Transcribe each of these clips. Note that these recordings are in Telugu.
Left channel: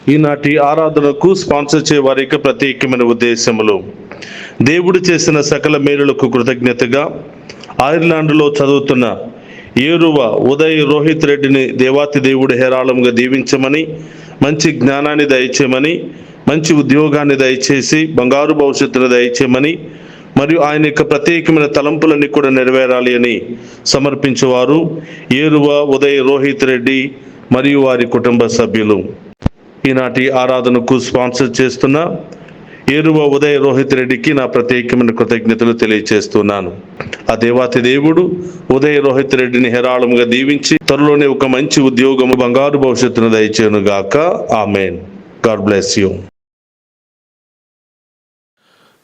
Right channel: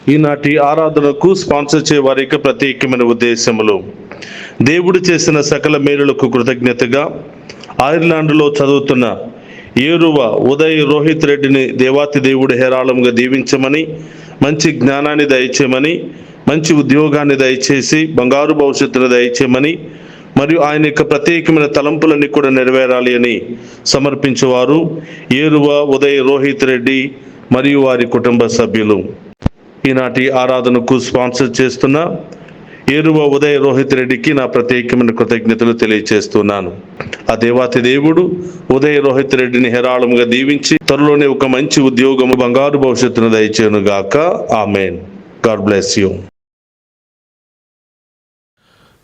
ఈనాటి ఆరాధనకు స్పాన్సర్ చేయే వారి యొక్క ప్రత్యేకమైన ఉద్దేశములు: దేవుడు చేసిన సకల మేలులకు కృతజ్ఞతగా ఐర్లాండ్లో చదువుతున్న ఏరువ ఉదయ్ రోహిత్ రెడ్డిని దేవాతి దేవుడు హేరాళంగా దీవించమని, మంచి జ్ఞానాన్ని దయచేయమని, మంచి ఉద్యోగాన్ని దయచేసి బంగారు భవిష్యత్తును దయచేయమని మరియు ఆయన యొక్క ప్రత్యేకమైన తలంపులన్నీ కూడా నెరవేరాలి అని సమర్పించేవారు ఏరువ ఉదయ్ రోహిత్ రెడ్డి మరియు వారి కుటుంబ సభ్యులు. ఈనాటి ఆరాధనకు స్పాన్సర్ చేస్తున్న ఏరువ ఉదయ్ రోహిత్ రెడ్డికి నా ప్రత్యేకమైన కృతజ్ఞతలు తెలియజేస్తున్నాను. ఆ దేవాతి దేవుడు ఉదయ్ రోహిత్ రెడ్డిని హేరాళంగా దీవించి త్వరలోనే ఒక మంచి ఉద్యోగము, బంగారు భవిష్యత్తును దయచేయును గాక. ఆమేన్. God bless you.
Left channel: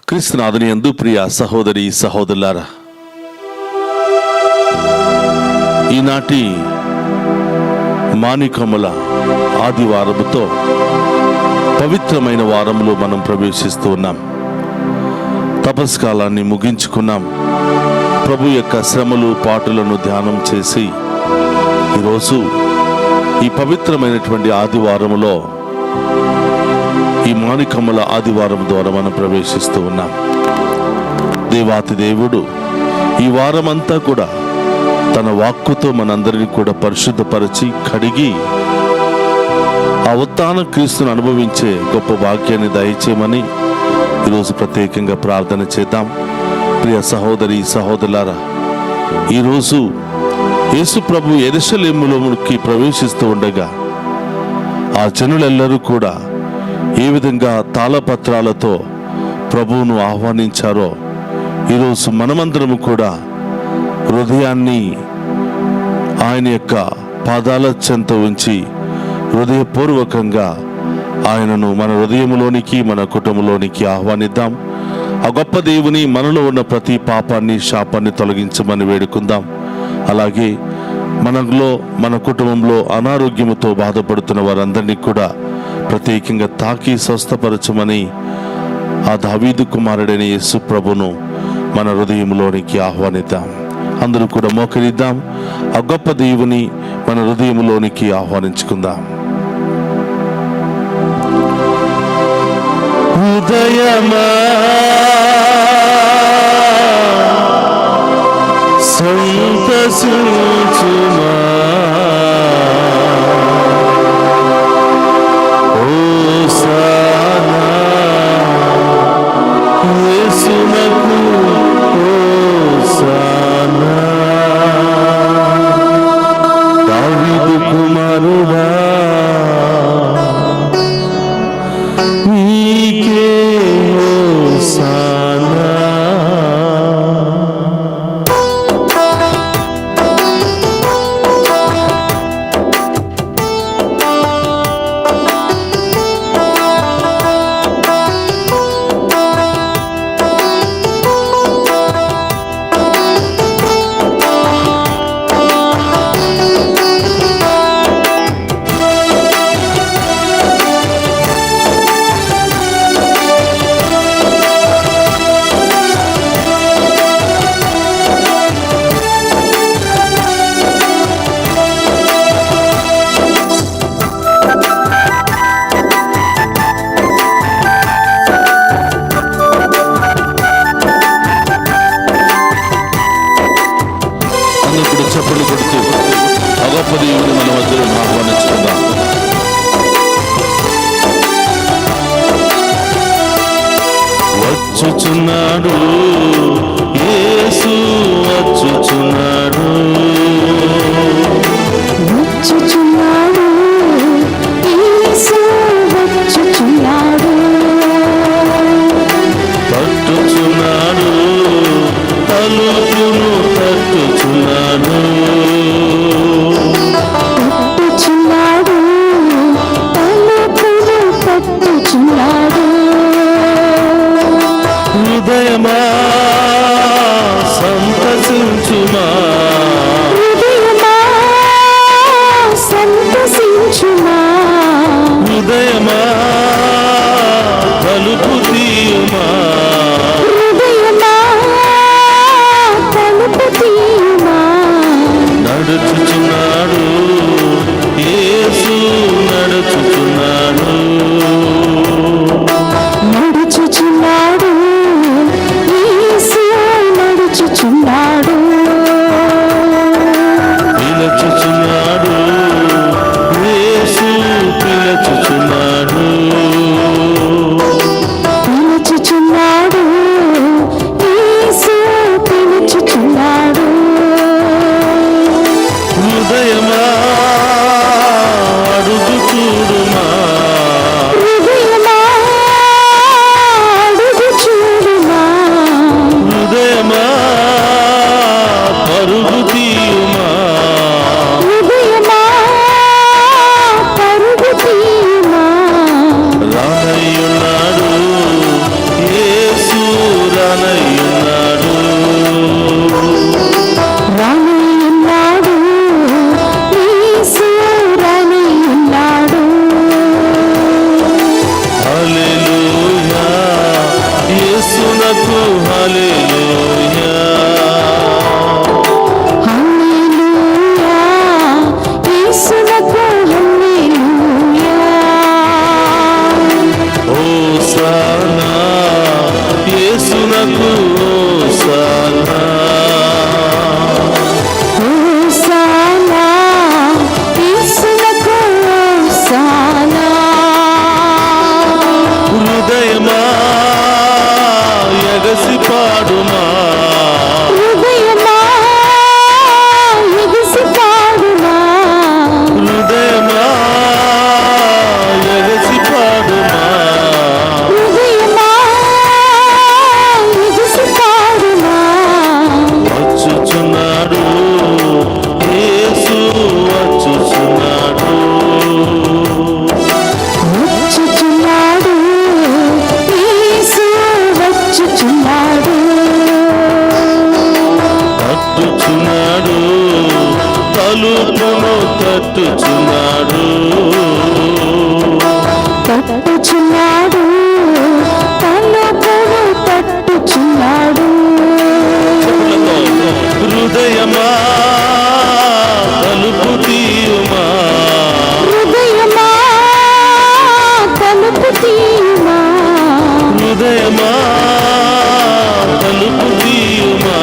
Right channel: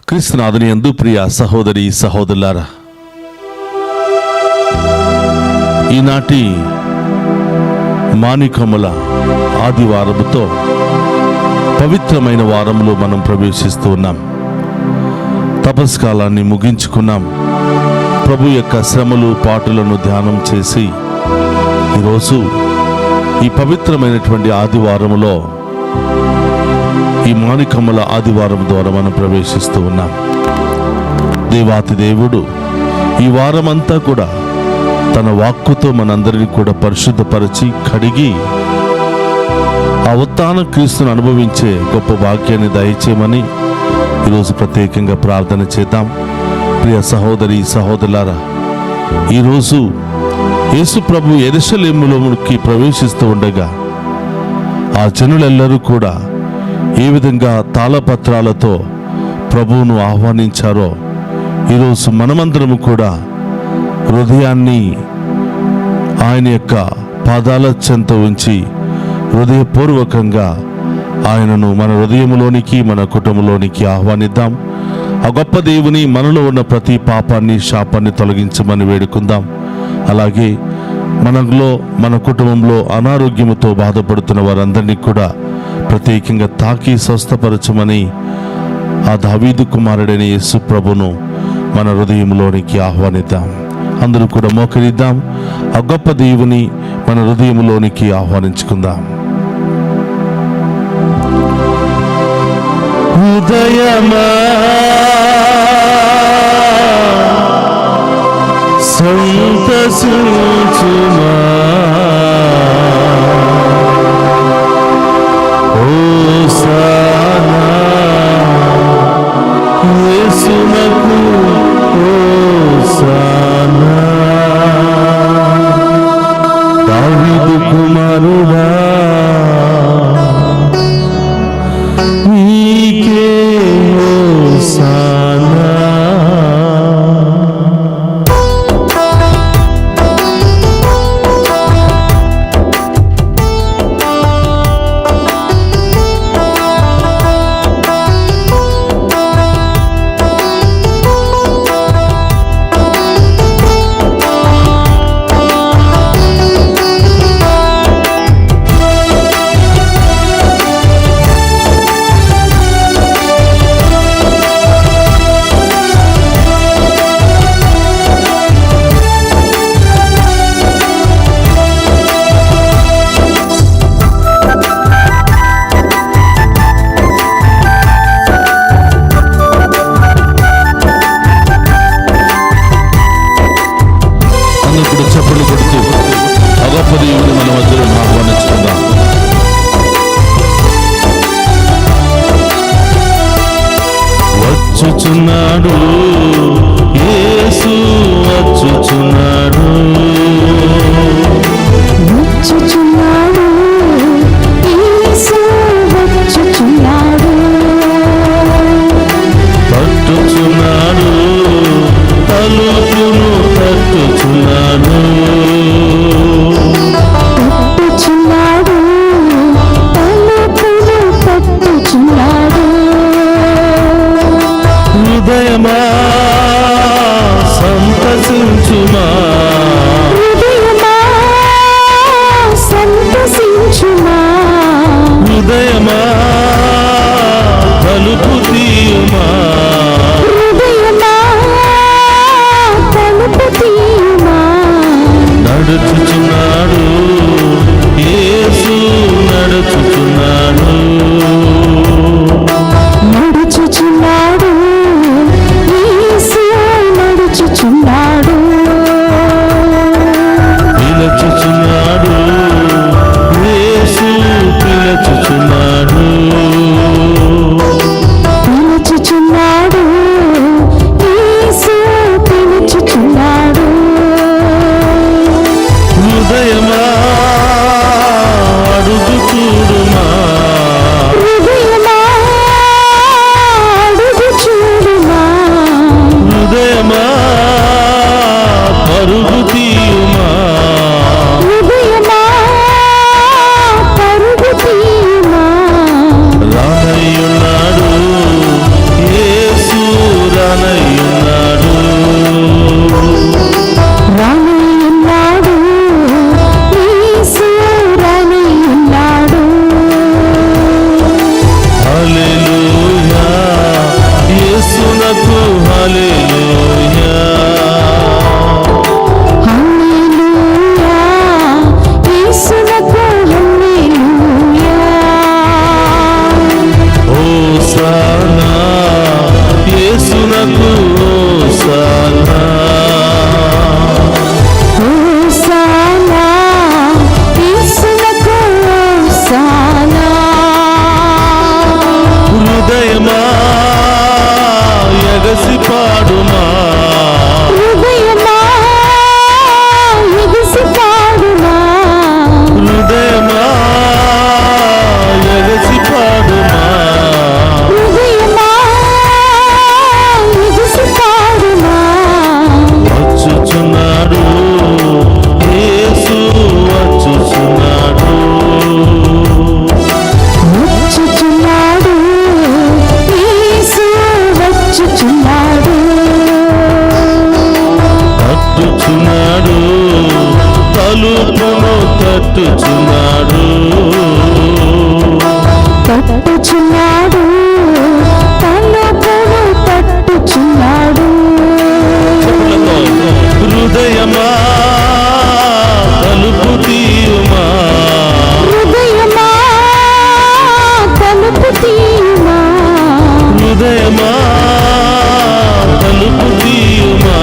క్రీస్తునాథుని యందు ప్రియ సహోదరి సహోదరులారా, ఈనాటి మాణికముల ఆదివారముతో పవిత్రమైన వారంలో మనం ప్రవేశిస్తూ ఉన్నాం. తపస్కాలాన్ని ముగించుకున్నాం. ప్రభు యొక్క శ్రమలు పాటులను ధ్యానం చేసి ఈరోజు ఈ పవిత్రమైనటువంటి ఆదివారములో, ఈ మాణికముల ఆదివారం ద్వారా మనం ప్రవేశిస్తూ ఉన్నాం. దేవాతి దేవుడు ఈ వారమంతా కూడా తన వాక్కుతో మనందరినీ కూడా పరిశుద్ధపరిచి కడిగి ఆ ఉత్థాన క్రీస్తును అనుభవించే గొప్ప భాగ్యాన్ని దయచేయమని ఈరోజు ప్రత్యేకంగా ప్రార్థన చేద్దాం. ప్రియ సహోదరి సహోదరులారా, ఈరోజు యేసు ప్రభు యెరూషలేములోకి ప్రవేశిస్తూ ఉండగా ఆ జనులెల్లరూ కూడా ఏ విధంగా తాళపత్రాలతో ప్రభువును ఆహ్వానించారో ఈరోజు మనమందరము కూడా హృదయాన్ని ఆయన యొక్క పాదాల చెంత ఉంచి హృదయపూర్వకంగా ఆయనను మన హృదయంలోనికి, మన కుటుంబంలోనికి ఆహ్వానిద్దాం. ఆ గొప్ప దేవుని మనలో ఉన్న ప్రతి పాపాన్ని, శాపాన్ని తొలగించమని వేడుకుందాం. అలాగే మనలో, మన కుటుంబంలో అనారోగ్యముతో బాధపడుతున్న వారందరినీ కూడా ప్రత్యేకంగా తాకి స్వస్థపరచమని ఆ దావీదు కుమారుడైన యేసు ప్రభును మన హృదయంలోనికి ఆహ్వానిద్దాం. అందరూ కూడా మోకరిద్దాం. ఆ గొప్ప దేవుని మన హృదయంలోనికి ఆహ్వానించుకుందాం. హృదయమా సంతసించుమా, హోసానా యేసునకు హోసానా. దావీదు కుమారుడా నీకే హోసానా. వచ్చుచున్నాడు యేసు, వచ్చుచున్నాడు, వచ్చుచున్నాడు యేసు, వచ్చుచున్నాడు, పట్టుచున్నాడు, తలుపును తట్టుచున్నాడు, పట్టుచున్నాడు, తలుపును తట్టుచున్నాడు. హృదయమా సంతసించుమా, తలుపును తట్టుచున్నాడు. తట్టుచున్నాడు, తలుపును తట్టుచున్నాడు. హృదయమా తలుపు తీయుమా, హృదయమా తలుపు తీయుమా, హృదయమా తలుపు తీయుమా,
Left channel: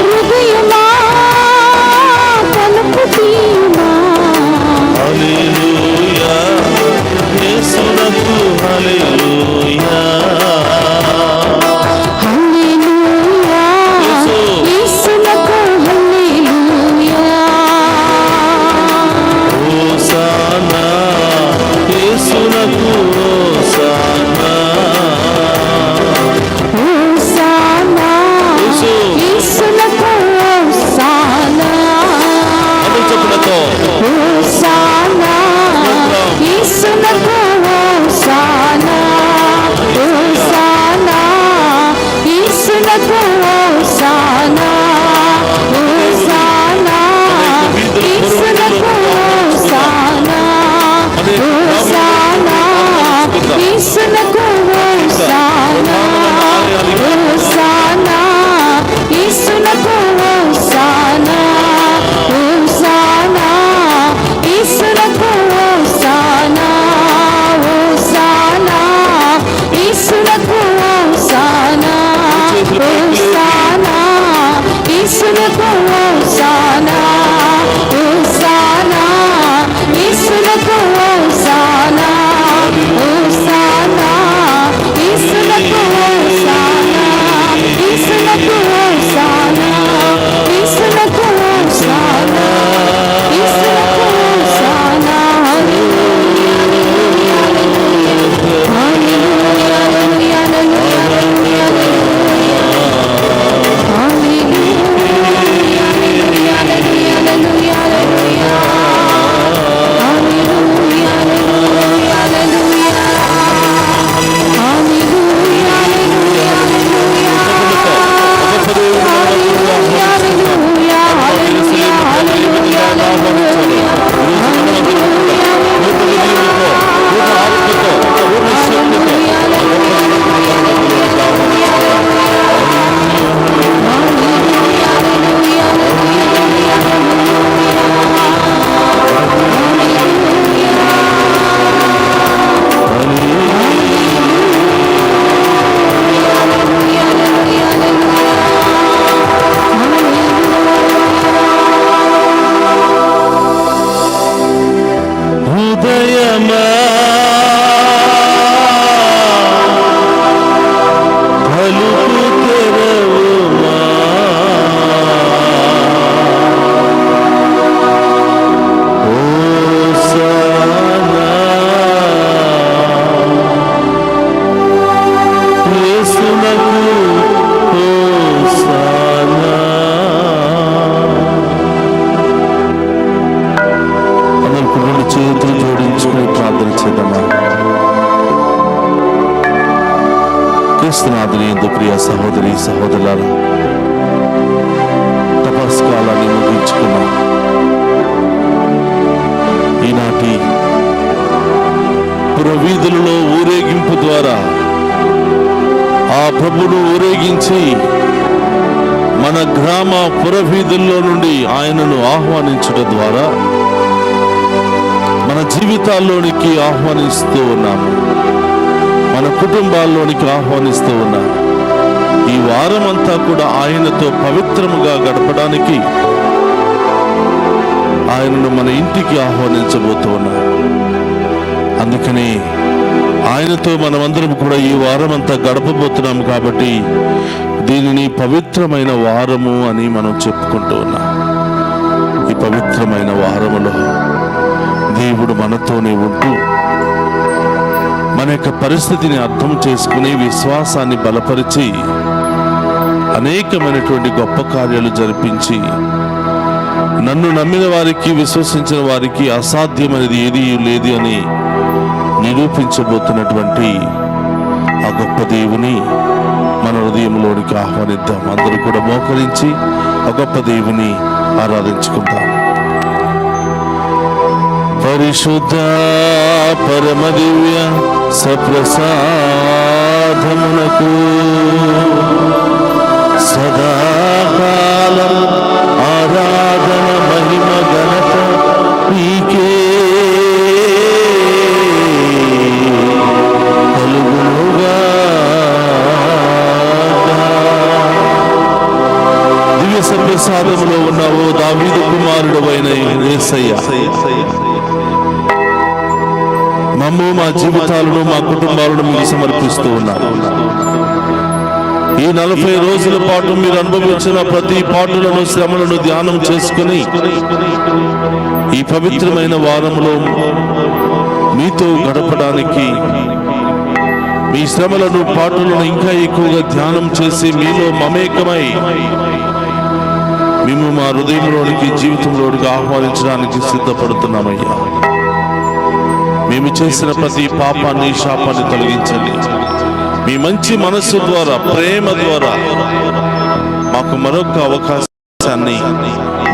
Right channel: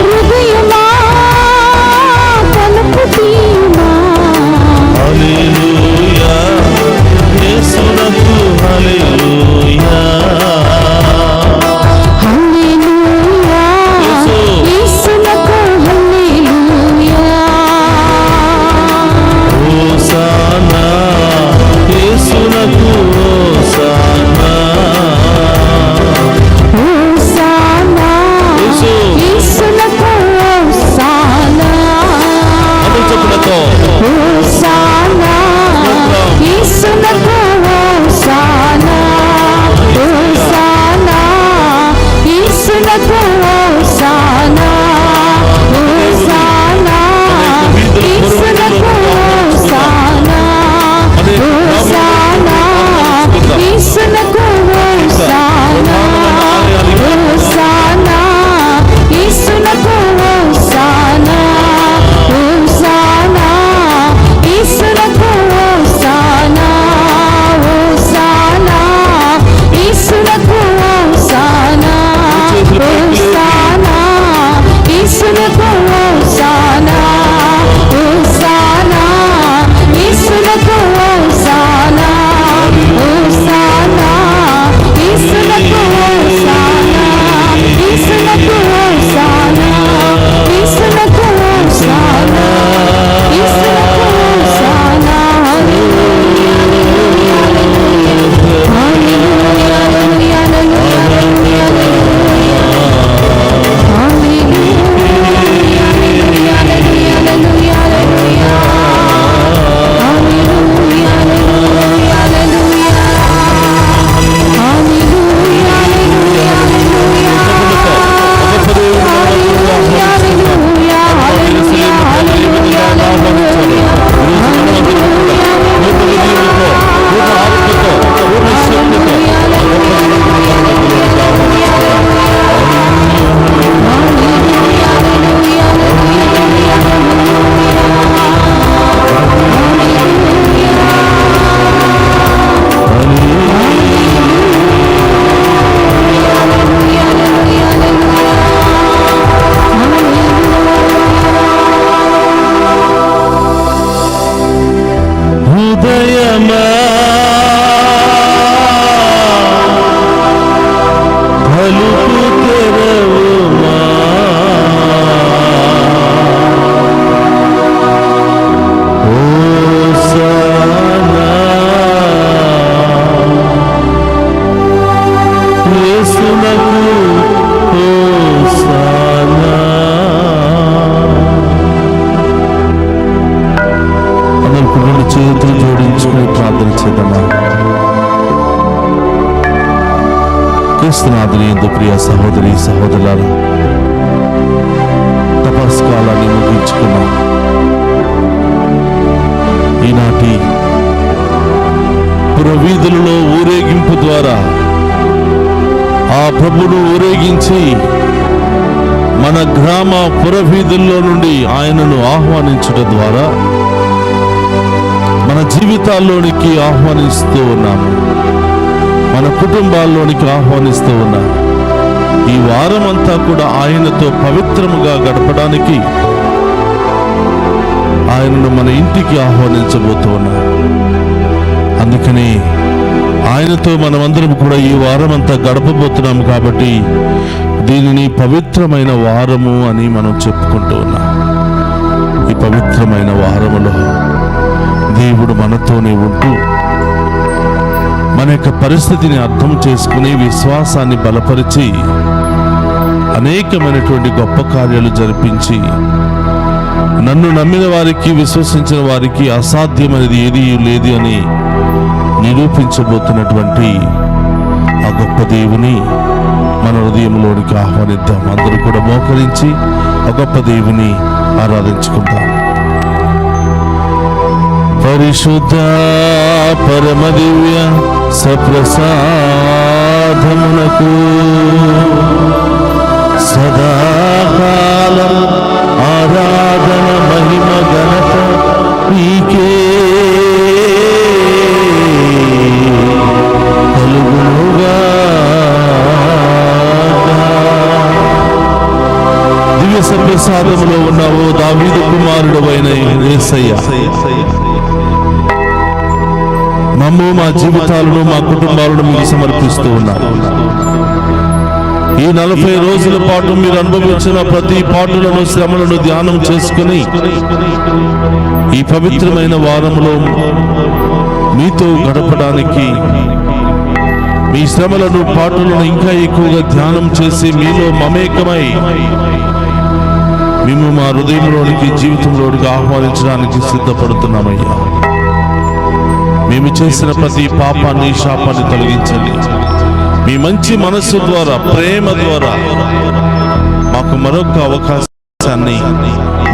హృదయమా తలుపు తీయుమా. హల్లెలూయా యేసునకు హల్లెలూయా. హల్లెలూయా యేసునకు హల్లెలూయా. హోసానా యేసునకు హోసానా. హోసానా యేసునకు హోసానా. అందరూ చెప్పులతో హోసానా యేసునకు హోసానా. హోసానా యేసునకు హోసానా. హోసానా యేసునకు హోసానా. హోసానా యేసునకు హోసానా. హోసానా యేసునకు హోసానా. హోసానా యేసునకు హోసానా. హోసానా యేసునకు హోసానా. హోసానా యేసునకు హోసానా. హోసానా యేసునకు హోసానా. హోసానా యేసునకు హోసానా. యేసునకు హోసానా. యేసునకు హోసానా. యేసునకు హోసానా. హల్లెలూయా హల్లెలూయా హల్లెలూయా హల్లెలూయా హల్లెలూయా హల్లెలూయా. హృదయమా తలుపు తెరవుమా, హోసానా యేసునకు హోసానా. అందరూ రెండు చేతులు జోడించుకుని ప్రార్థన చేద్దామా. క్రీస్తునాథుని యందు ప్రియ సహోదరి సహోదరులారా, తపస్కాలాన్ని ముగించుకున్నాం. ఈనాటి పురవీధులలో ఊరేగింపు ద్వారా ఆ ప్రభును ఊరేగించి మన గ్రామ పురవీధుల్లో నుండి ఆయనను ఆహ్వానించడం ద్వారా మన జీవితాల్లోనికి ఆహ్వానిస్తూ ఉన్నాము, మన కుటుంబాల్లోనికి ఆహ్వానిస్తూ ఉన్నాము. ఈ వారం అంతా కూడా ఆయనతో పవిత్రముగా గడపడానికి ఆయనను మన ఇంటికి ఆహ్వానించబోతూ ఉన్నాం. అందుకని ఆయనతో మనమందరం కూడా ఈ వారం అంతా గడపబోతున్నాం కాబట్టి దీనిని పవిత్రమైన వారము అని మనం చెప్పుకుంటూ ఉన్నాం. ఈ పవిత్రమైన వారములో దేవుడు మనతోనే ఉంటూ మన యొక్క పరిస్థితిని అర్థం చేసుకుని విశ్వాసాన్ని బలపరిచి అనేకమైనటువంటి గొప్ప కార్యాలు జరిపించి నన్ను నమ్మిన వారికి, విశ్వసించిన వారికి అసాధ్యమైనది ఏదీ లేదు అని నిరూపించబోతున్నటువంటి ఆ గొప్ప దేవుని మన హృదయంలోనికి ఆహ్వానిద్దాం. అందరూ కూడా మోకరించి ఆ గొప్ప దేవుని ఆరాధించుకుందాం. పరిశుద్ధ పరమ దివ్య సప్రసాదమునకు సదాకాలం ఆరాధన మహిమ ఘనత నీకే కలుగునుగా. దివ్య సప్రసాదములో ఉన్నావు దావీదు కుమారుడు అయిన యేసయ్య, మమ్ము మా జీవితాలను మా కుటుంబాలను మీకు సమర్పిస్తూ ఉన్నాము. ఈ 40 రోజుల పాటు మీరు అనుభవించిన ప్రతి పాటులను శ్రమలను ధ్యానం చేసుకుని ఈ పవిత్రమైన వారంలో మీతో గడపడానికి మీ శ్రమలను పాటులను ఇంకా ఎక్కువగా ధ్యానం చేసి మీలో మమేకమై మేము మా హృదయంలోనికి జీవితంలోనికి ఆహ్వానించడానికి సిద్ధపడుతున్నామయ్యా. మేము చేసిన ప్రతి పాపాన్ని శాపాన్ని తొలగించండి. మీ మంచి మనస్సు ద్వారా ప్రేమ ద్వారా మాకు మరొక అవకాశాన్ని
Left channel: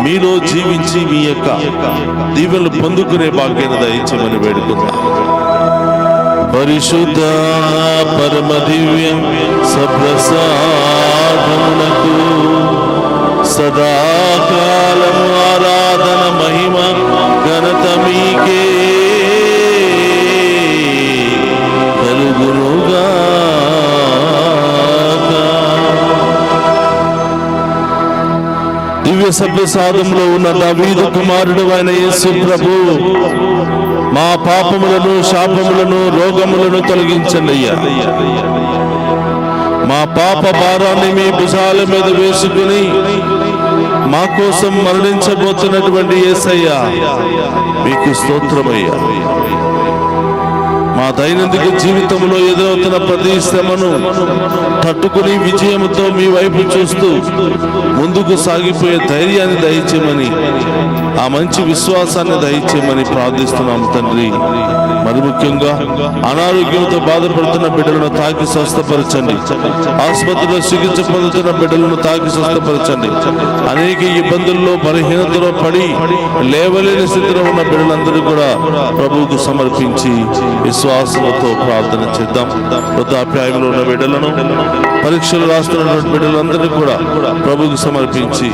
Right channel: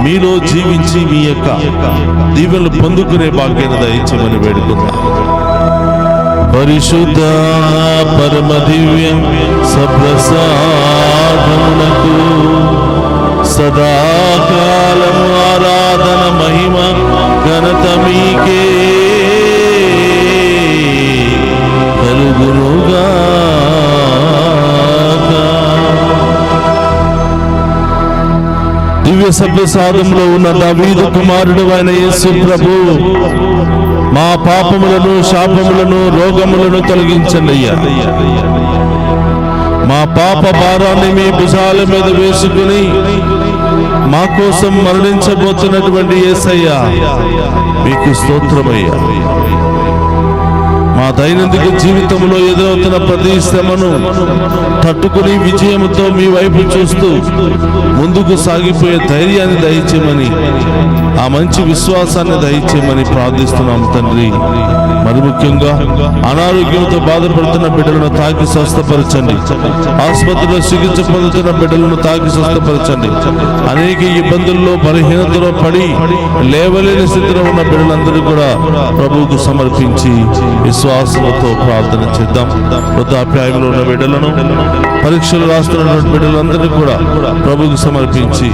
మీలో జీవించి మీ యొక్క దీవెనలు పొందుకునే భాగ్యాన్ని దయచేయమని వేడుకుందాం. పరిశుద్ధ పరమ దివ్య సప్రసాదమునకు సదాకాలం ఆరాధన మహిమ ఘనత మీకే కలుగునుగా. దివ్య సప్రసాదంలో ఉన్న దావీదు కుమారుడు అయిన యేసు ప్రభు మా పాపములను శాపములను రోగములను తొలగించండి అయ్యా. మా పాప భారాన్ని మీ భుజాల మీద వేసుకుని మా కోసం మరణించబోతున్నటువంటి యేసయ్యా మీకు స్తోత్రమయ్యా. మా దైనందిక జీవితంలో ఎదురవుతున్న ప్రతి శ్రమను తట్టుకుని విజయంతో మీ వైపు చూస్తూ ముందుకు సాగిపోయే ధైర్యాన్ని దయచేయమని, ఆ మంచి విశ్వాసాన్ని దయచేయమని ప్రార్థిస్తున్నాం తండ్రి. మరి ముఖ్యంగా అనారోగ్యంతో బాధపడుతున్న బిడ్డలను తాకి స్వస్థపరచండి. ఆసుపత్రిలో చికిత్స పొందుతున్న బిడ్డలను తాకి స్వస్థపరచండి. అనేక ఇబ్బందుల్లో బలహీనతలో పడి లేవలేని స్థితిలో ఉన్న బిడ్డలందరూ కూడా ప్రభువుకు సమర్పించి విశ్వాసంతో ప్రార్థన చేద్దాం. వృద్ధాప్యాయంలో ఉన్న బిడ్డలను, పరీక్షలు రాస్తున్నటువంటి బిడ్డలందరినీ కూడా ప్రభువుకు సమర్పించి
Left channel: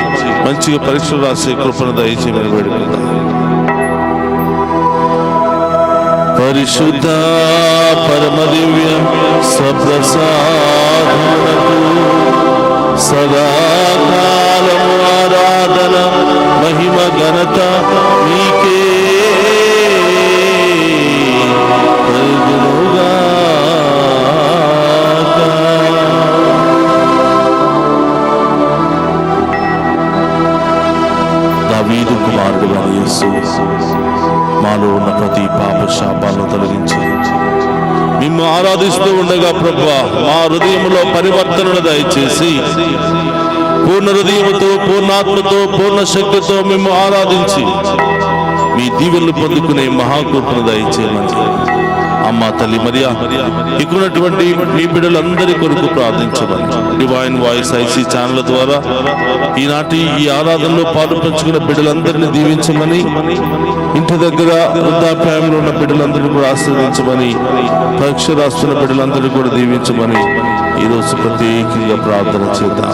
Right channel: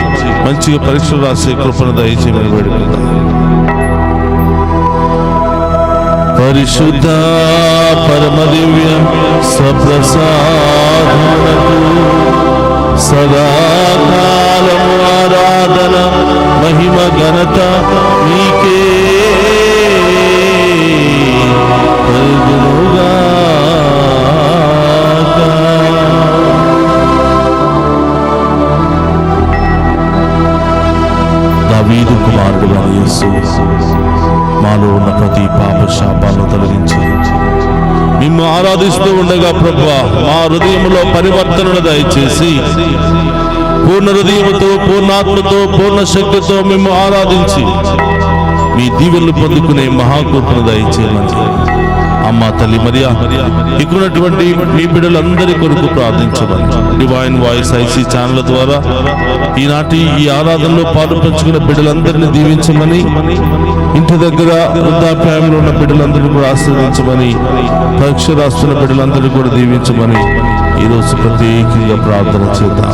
మంచిగా పరీక్షలు రాసే కృపను దయచేయమని వేడుకుందాం. పరిశుద్ధ పరమ దివ్య సప్రసాదమునకు సదాకాలము ఆరాధన మహిమ ఘనత మీకే కలుగునుగా. దావీదు కుమారుడు అయిన యేసు మాలో ఉన్న ప్రతి పాప శాపాలను తొలగించి మిమ్ము ఆరాధిస్తూ ఉండగా ప్రభువా మా హృదయంలో పరివర్తనను దయచేసి పూర్ణ హృదయముతో, పూర్ణాత్మతో, పూర్ణ శక్తితో మిమ్ము ఆరాధించి మీ దీవెనలు పొందుకునే మహాకృపను దయచేయమని అమ్మ తల్లి మరియా ఇక్కడున్నటువంటి మీ బిడ్డలందరి కొరకు ప్రార్థించమని డివైన్ వాయిస్ ఐసీ ఛానల్ ద్వారా ఈనాటి ఈ ఆరాధనలో పాలు పంచుకున్న బిడ్డలందరినీ దీవించమని, ఇంటి దగ్గర వృద్ధాప్యాయంలో ఉన్న బిడ్డలందరినీ కూడా ఆశీర్వదించమని, పరీక్ష రాస్తున్న బిడ్డలందరినీ కూడా దీవించమని ఈరోజు ప్రత్యేకంగా ప్రార్థన చేద్దాం.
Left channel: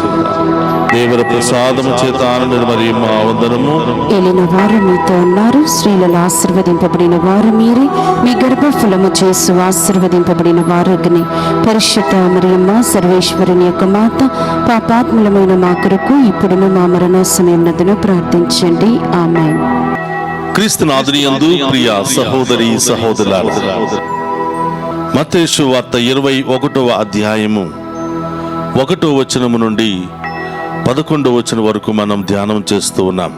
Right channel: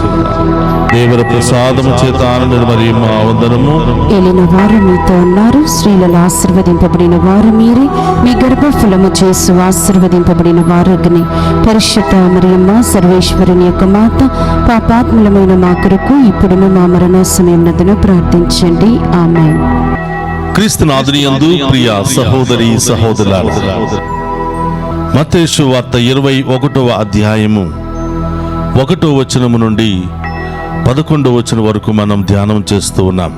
దేవర ప్రసాదము చేత ఆనంద మరి మా వందనము. ఏలిన వారు మీతో ఉన్నారు, స్త్రీలలో ఆశీర్వదింపబడిన వారు మీరే, మీ గర్భఫలము చేసు ఆశీర్వదింపబడిన వారుని. పరిశుద్ధ మరియమ్మ సర్వేశ్వరుని యొక్క మాత, పాపాత్ములమైన మా కొరకు ఇప్పుడును మా మరణ సమయమునందును ప్రార్థించండి. ఆమేన్. క్రీస్తునాథుని యందు ప్రియ సహోదరి సహోదరులారా, మత్తయి సువార్త 21వ అధ్యాయము 1వ వచనము నుండి 11వ వచనం వరకు మనం ధ్యానం చేస్తూ ఉన్నాం.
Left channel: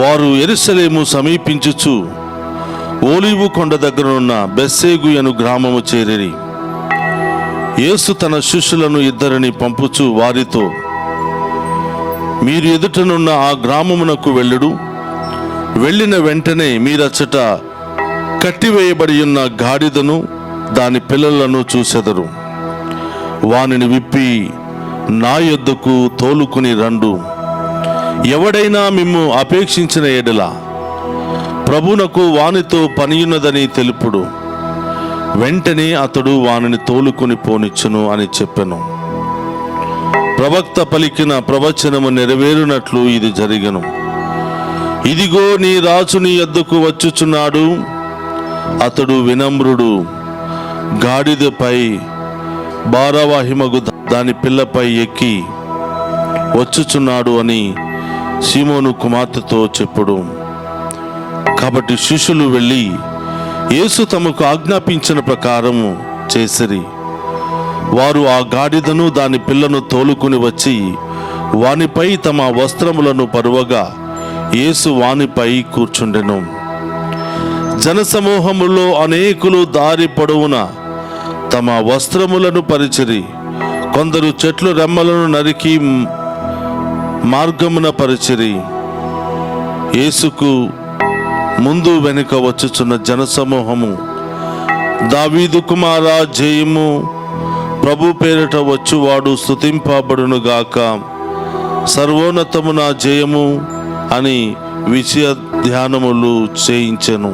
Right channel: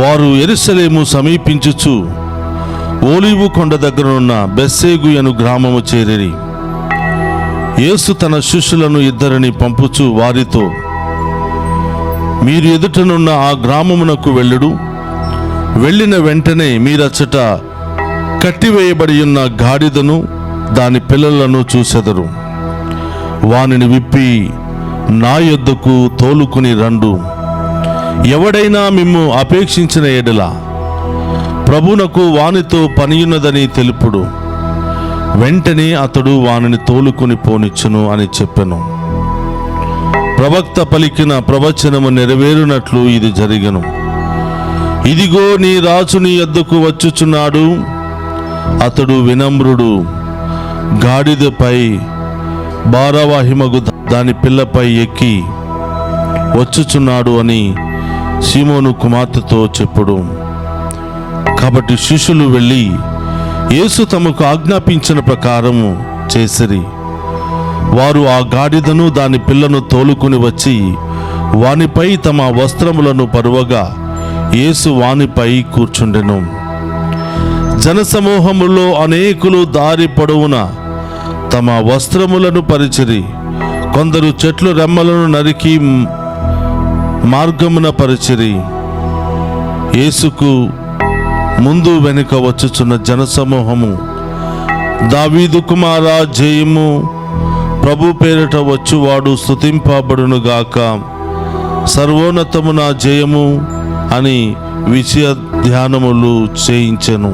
వారు యెరూషలేము సమీపించుచు ఓలీవు కొండ దగ్గరనున్న బెత్సేగు అను గ్రామము చేరిరి. యేసు తన శిష్యులను 2 పంపుచు వారితో, మీరు ఎదుటనున్న ఆ గ్రామమునకు వెళ్ళుడు. వెళ్ళిన వెంటనే మీరచ్చట కట్టివేయబడి ఉన్న గాడిదను దాని పిల్లలను చూసెదరు. వానిని విప్పి నా యొద్దకు తోలుకుని రండు. ఎవడైనా మిమ్ము అపేక్షించిన ఎడల ప్రభునకు వానితో పనియున్నదని తెలుపుడు, వెంటనే అతడు వానిని తోలుకొని పోనిచ్చును అని చెప్పెను. ప్రవక్త పలికిన ప్రవచనము నెరవేరునట్లు ఇది జరిగెను. ఇదిగో నీ రాజు నీ యొద్దకు వచ్చుచున్నాడు, అతడు వినమ్రుడు, గాడిదపై భారవాహిమగు దాని పిల్లపై ఎక్కి వచ్చుచున్నాడు అని సీమోను కుమార్తెతో చెప్పుడు. కాబట్టి శిష్యులు వెళ్ళి యేసు తమకు ఆజ్ఞాపించిన ప్రకారము చేసిరి. వారు ఆ గాడిదను దాని పిల్లను తోలుకుని వచ్చి వానిపై తమ వస్త్రములను పరువగా యేసు వానిపై కూర్చుండెను. జనసమూహములో అనేకులు దారి పొడవున తమ వస్త్రములను పరిచిరి. కొందరు చెట్లు రెమ్మలను నరికి మార్గమున పరిచిరి. యేసుకు ముందు వెనుక వచ్చుచున్న జనసమూహము, దావీదు కుమారా జయము, ప్రభు పేరిట వచ్చువాడు స్తుతింపబడునుగాక, సర్వోన్నతమున జయము అని విజయ ధ్యానములు చేయించెను.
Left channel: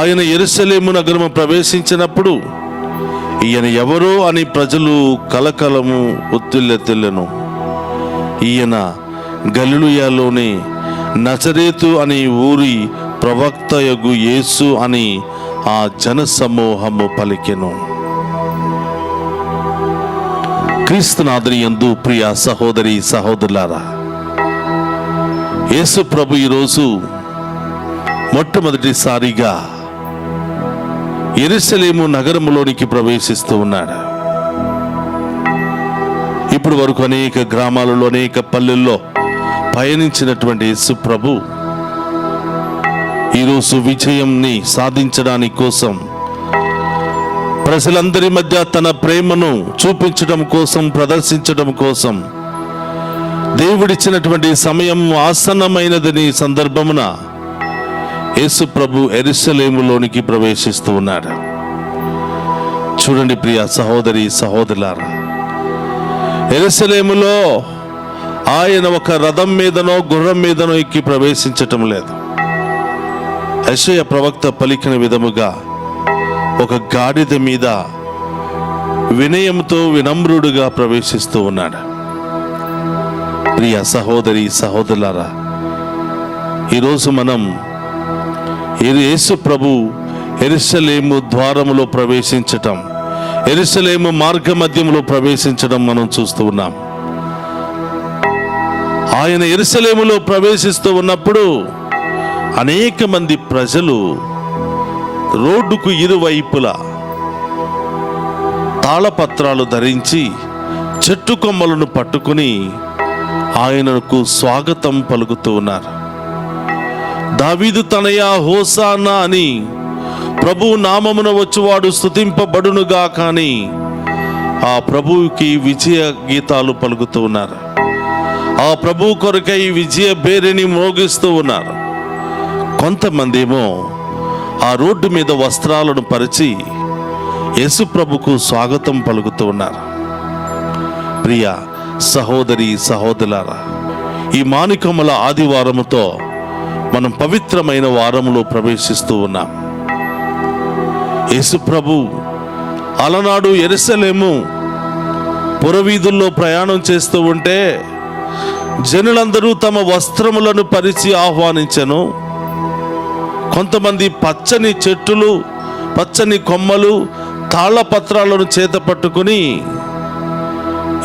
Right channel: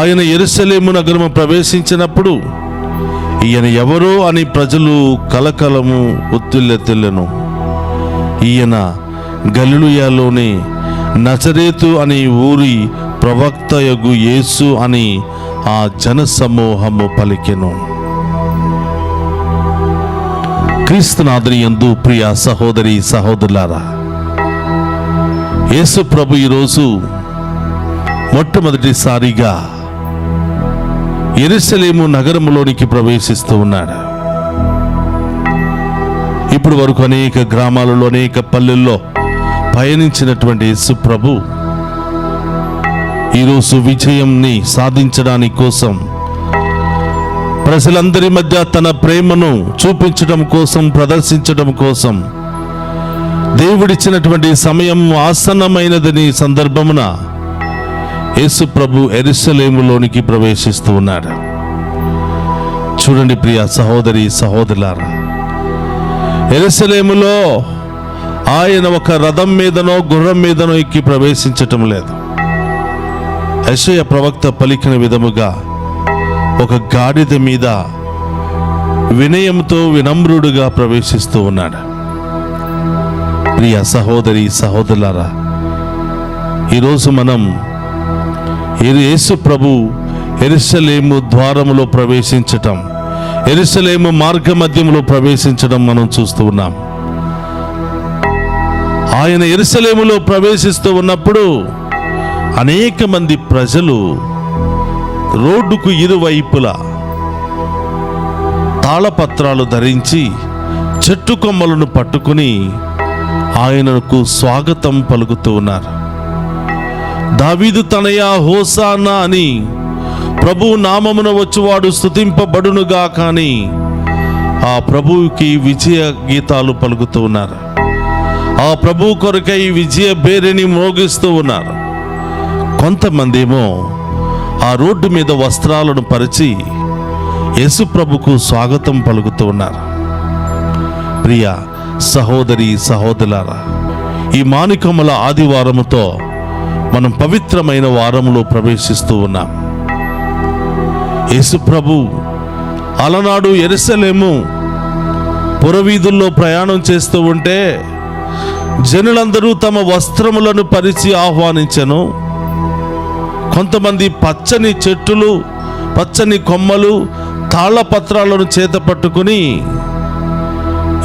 ఆయన యెరూషలేము నగరము ప్రవేశించినప్పుడు ఈయన ఎవరో అని ప్రజలు కలకలము ఉత్తిల్లెత్తెలెను. ఈయన గలిలయలోని నజరేతు అని ఊరి ప్రవక్తయగు యేసు అని ఆ జనసమూహము పలికెను. క్రీస్తునాథుని యందు ప్రియ సహోదరి సహోదరులారా, యేసు ప్రభు ఈరోజు మొట్టమొదటిసారిగా యెరూషలేము నగరములోనికి ప్రవేశిస్తూ ఉన్నాడు. ఇప్పుడు వరకు అనేక గ్రామాలలో అనేక పల్లెల్లో పయనించినటువంటి యేసు ప్రభు ఈరోజు విజయంని సాధించడానికి కోసం, ప్రజలందరి మధ్య తన ప్రేమను చూపించడం కోసం, ప్రదర్శించడం కోసం దేవుడిచ్చినటువంటి సమయం ఆసన్నమైనదని సందర్భమున యేసు ప్రభు యెరూషలేములోనికి ప్రవేశిస్తూ ఉన్నాడు. చూడండి ప్రియ సహోదరి సహోదరులారా, యెరూషలేములో ఆయన ఒక రథం మీదనో గుర్రం మీదనో ఎక్కి ప్రవేశించటం లేదు. యెషయా ప్రవక్త పలికిన విధముగా ఒక గాడిద మీద వినయంతో వినమ్రుడుగా ప్రవేశిస్తూ ఉన్నాడు. ప్రియ సహోదరి సహోదరులారా, ఈరోజు మనం యేసు ప్రభు యెరూషలేము ద్వారములో ప్రవేశించటం, యెరూషలేము మార్గ మధ్యములో ప్రవేశించడం మనం చూస్తూ ఉన్నాం. ఆయన యెరూషలేములో ప్రవేశిస్తూ ఉన్నప్పుడు అనేక మంది ప్రజలు రోడ్డుకు ఇరువైపులా తాళపత్రాలు ధరించి చెట్టు కొమ్మలను పట్టుకుని ఆయనకు స్వాగతం పలుకుతూ ఉన్నారు. దావీదు తనయ హోసానా అని, ప్రభువు నామమున వచ్చువాడు స్తుతింపబడునుగా కానీ ఆ ప్రభువుకి విజయ గీతాలు పలుకుతూ ఉన్నారు. ఆ ప్రభువు కొరకై విజయ బేరిని మోగిస్తూ ఉన్నారు. కొంతమంది ఏమో ఆ రోడ్డు మీద వస్త్రాలను పరిచి యేసు ప్రభుకు స్వాగతం పలుకుతూ ఉన్నారు. ప్రియ సహోదరి సహోదరులారా, ఈ మానికముల ఆదివారముతో మనం పవిత్రమైన వారములో ప్రవేశిస్తూ ఉన్నాం. యేసు ప్రభు అలనాడు యెరూషలేము పురవీధుల్లో ప్రయాణం చేస్తూ ఉంటే జనులందరూ తమ వస్త్రములను పరిచి ఆహ్వానించెను. కొంతమంది పచ్చని చెట్టులు, పచ్చని కొమ్మలు, తాళపత్రాలను చేత పట్టుకుని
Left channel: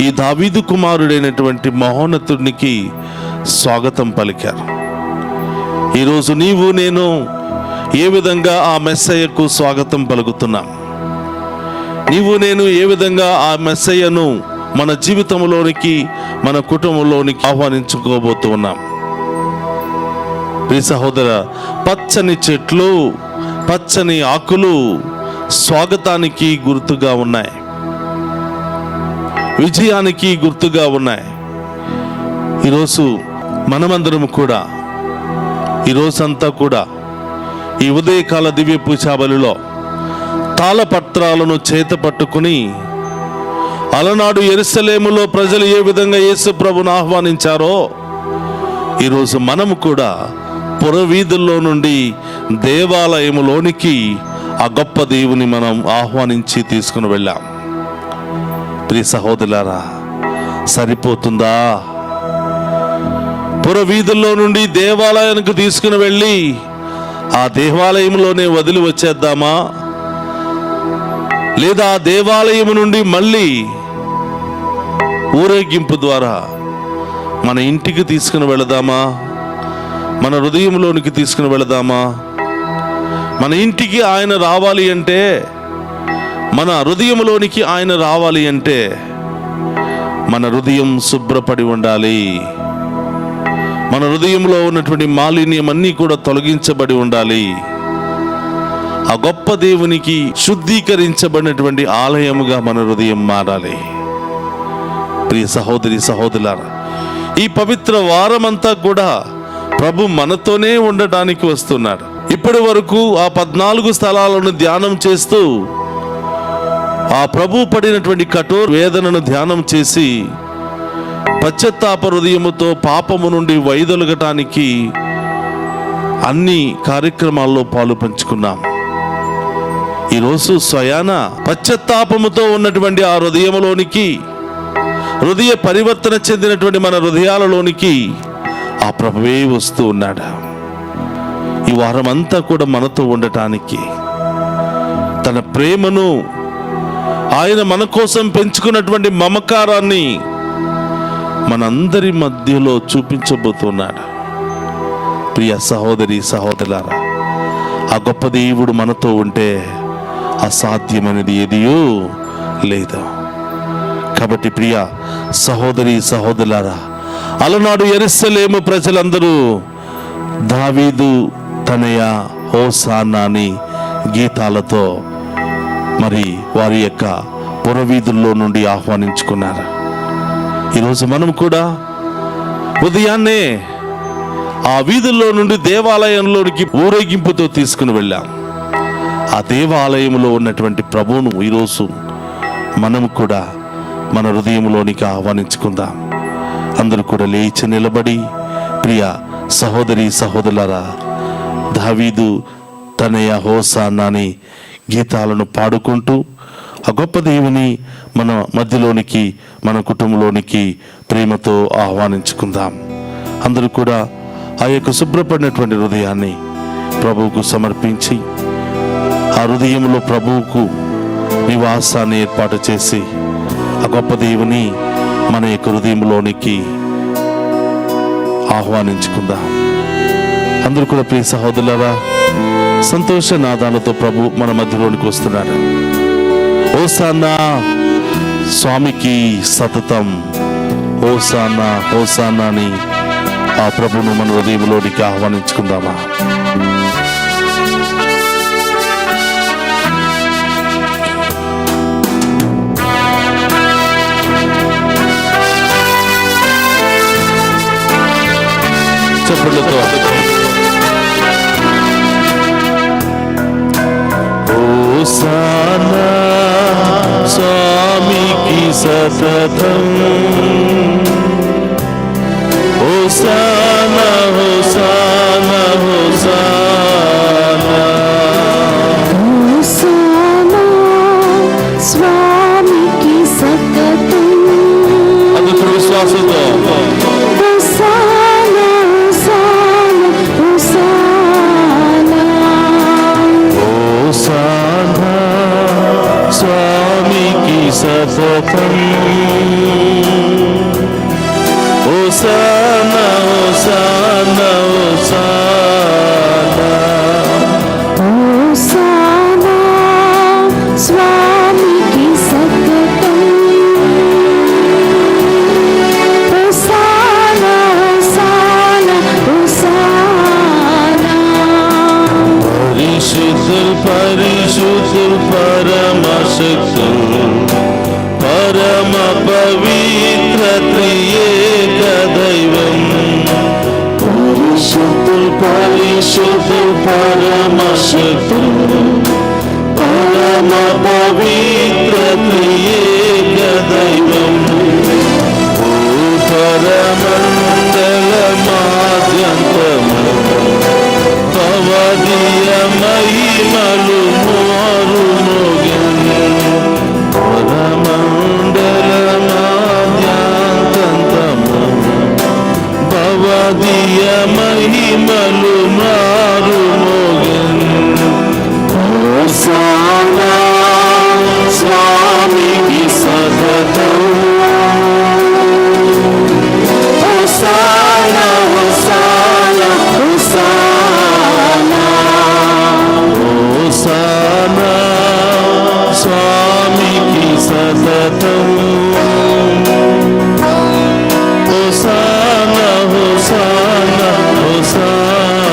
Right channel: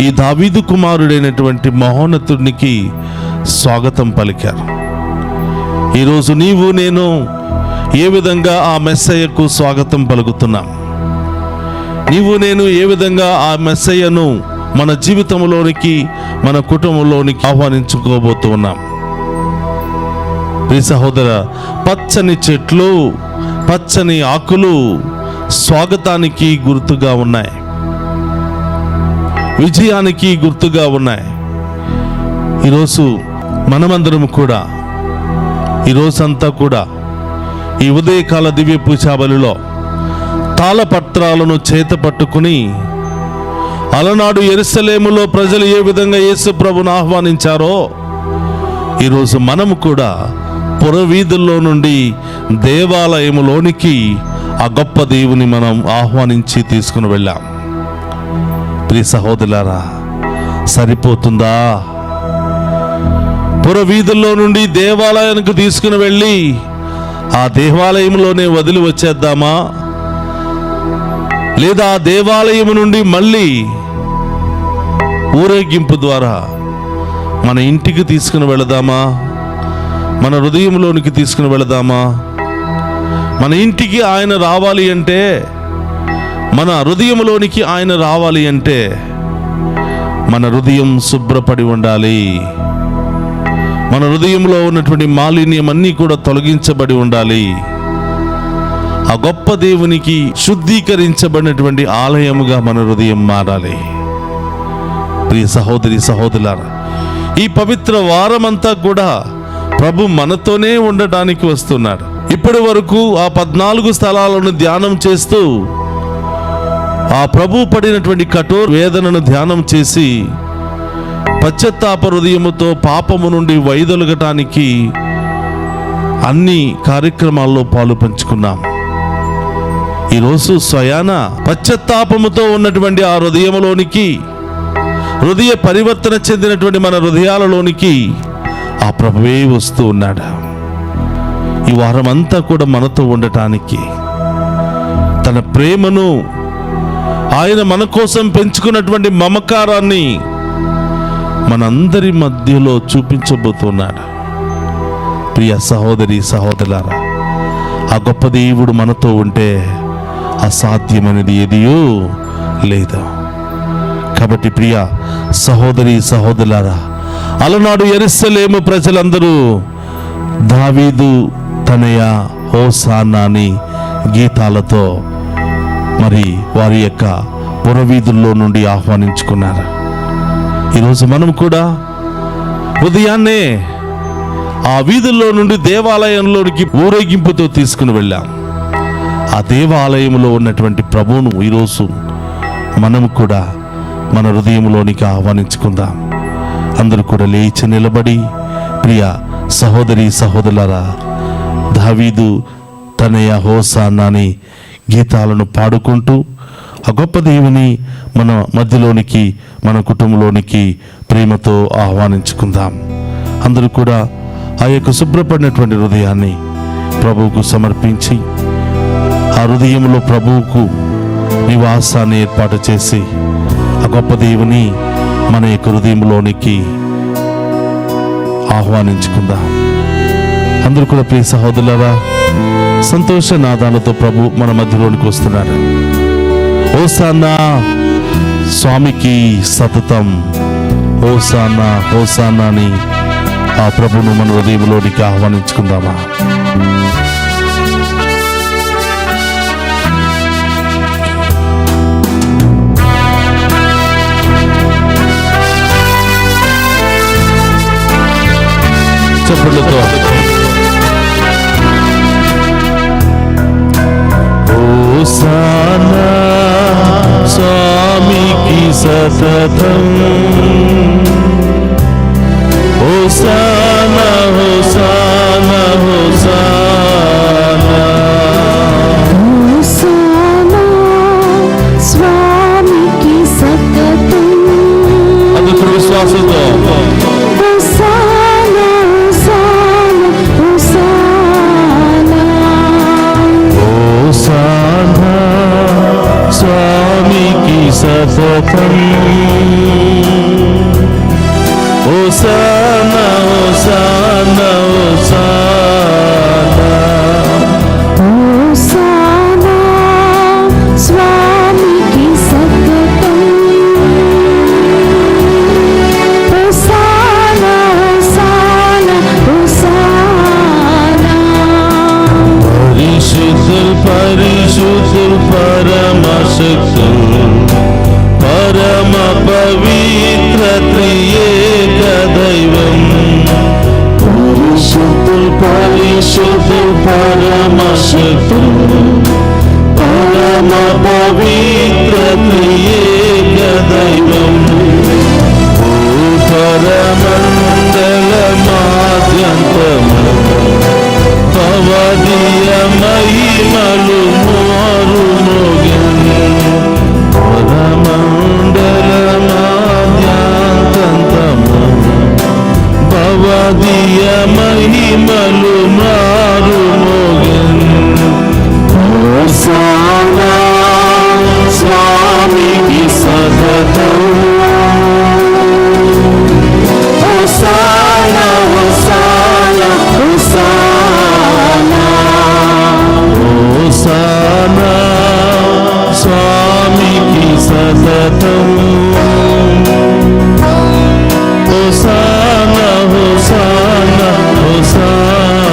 ఈ దావీదు కుమారుడైనటువంటి మహోన్నతునికి స్వాగతం పలికారు. ఈరోజు నీవు నేను ఏ విధంగా ఆ మెస్సయ్యకు స్వాగతం పలుకుతున్నాం? నీవు నేను ఏ విధంగా ఆ మెస్సయ్యను మన జీవితంలోనికి, మన కుటుంబంలోనికి ఆహ్వానించుకోబోతూ ఉన్నాం? ప్రియ సహోదర, పచ్చని చెట్లు, పచ్చని ఆకులు స్వాగతానికి గుర్తుగా ఉన్నాయి, విజయానికి గుర్తుగా ఉన్నాయి. ఈరోజు మనమందరం కూడా, ఈరోజంతా కూడా ఈ ఉదయకాల దివ్య పూజాబలిలో తాళపత్రాలను చేత పట్టుకుని అలనాడు యెరూషలేములో ప్రజలు ఏ విధంగా యేసు ప్రభువును ఆహ్వానించారో ఈరోజు మనము కూడా పురవీధుల్లో నుండి దేవాలయములోనికి ఆ గొప్ప దేవుని మనం ఆహ్వానించి తీసుకుని వెళ్ళాం. ప్రియ సహోదరులారా, సరిపోతుందా? పురవీధుల్లో నుండి దేవాలయానికి తీసుకుని వెళ్ళి ఆ దేవాలయంలోనే వదిలి వచ్చేద్దామా? లేదా ఆ దేవాలయం నుండి మళ్ళీ ఊరేగింపు ద్వారా మన ఇంటికి తీసుకుని వెళదామా? మన హృదయంలోనికి తీసుకుని వెళదామా? మన ఇంటికి ఆయన రావాలి అంటే, మన హృదయంలోనికి ఆయన రావాలి అంటే మన హృదయం శుభ్రపడి ఉండాలి. మన హృదయంలో ఉన్నటువంటి మాలిన్యం అన్నీ కూడా తొలగించబడి ఉండాలి. ఆ గొప్ప దేవునికి శుద్ధీకరించబడినటువంటి ఆలయముగా మన హృదయం మారాలి. ప్రియ సహోదరి సహోదరులారా, ఈ పవిత్ర వారమంతా కూడా ప్రభు మనతోనే ఉండటానికి వస్తున్నాడు. ఇప్పటి వరకు ఆ 14 స్థలాలను ధ్యానం చేస్తూ ఆ ప్రభు పడినటువంటి కఠోర వేదనను ధ్యానం చేసి పశ్చాత్తాప హృదయముతో పాపము నుండి వైదొలగటానికి అన్ని కార్యక్రమాల్లో పాలు పంచుకున్నాం. ఈరోజు స్వయాన పశ్చాత్తాపముతో ఉన్నటువంటి ఆ హృదయములోనికి, హృదయ పరివర్తన చెందినటువంటి మన హృదయాలలోనికి ఆ ప్రభువే వస్తూ ఉన్నాడు. ఈ వారం అంతా కూడా మనతో ఉండటానికి, తన ప్రేమను, ఆయన మన కోసం పెంచుకున్నటువంటి మమకారాన్ని మనందరి మధ్యలో చూపించబోతున్నాడు. ప్రియ సహోదరి సహోదరులారా, ఆ గొప్ప దేవుడు మనతో ఉంటే అసాధ్యమైనది ఏదియో లేదు. కాబట్టి ప్రియ సహోదరి సహోదరులారా, అలనాడు యెరూషలేము ప్రజలందరూ దావీదు తనయ హోసానా అని గీతాలతో మరి వారి యొక్క పురవీధుల్లో నుండి ఆహ్వానించుకున్నారు. ఈరోజు మనం కూడా ఉదయాన్నే ఆ వీధుల్లో నుండి దేవాలయంలోనికి ఊరేగింపుతో తీసుకుని వెళ్ళాం. ఆ దేవాలయంలో ఉన్నటువంటి ప్రభువును ఈరోజు మనం కూడా మన హృదయంలోనికి ఆహ్వానించుకుందాం. అందరూ కూడా లేచి నిలబడి ప్రియ సహోదరి సహోదరులారా, దావీదు తనయ హోసానా అని గీతాలను పాడుకుంటూ ఆ గొప్ప దేవుని మన మధ్యలోనికి, మన కుటుంబంలోనికి ప్రేమతో ఆహ్వానించుకుందాం. అందరూ కూడా ఆ యొక్క శుభ్రపడినటువంటి హృదయాన్ని ప్రభువుకు సమర్పించి ఆ హృదయంలో ప్రభువుకు నివాసాన్ని ఏర్పాటు చేసి ఆ గొప్ప దేవుని మన యొక్క హృదయంలోనికి ఆహ్వానించుకుందాం. అందరూ కూడా ప్రియ సహోదరులారా, సంతోష నాదాలతో ప్రభు మన మధ్యలోనికి వస్తున్నాడు. హోసానా, స్వామికి సతతం హోసానా హోసానా అని ఆ ప్రభును మన హృదయంలోనికి ఆహ్వానించుకుందామా? చప్పట్లతో హోసానా స్వామికి సతతం, హోసానా హోసానా హోసానా, హోసానా స్వామికి సతతం. అందుకు విశ్వాసంతో హోసానా హోసానా హోసానా, హోసానా స్వామికి సతతం, హోసానా హోసానా హోసానా, హోసానా స్వామికి సతతం, హోసానా హోసానా హోసానా. పరిశుద్ధుల్ పరిశుద్ధుల్ పరమశక్తుల్ పరమ పవిత్ర త్రియేక దైవం, పరిశుద్ధుల్ పరిశుద్ధుల్ పరమశక్తుల్ పరమ పవిత్ర త్రియేక దైవం పరమండల మాద్యంతము భవదీయ మహిమలు మారు మోగెన్ పరమండల మాద్యంతము భవదీయ మహిమలు మారు మోగెన్ హోసానా స్వామికి సతతం హోసానా హోసానా హోసానా హోసానా స్వామికి సతతం హోసానా హోసానా హోసానా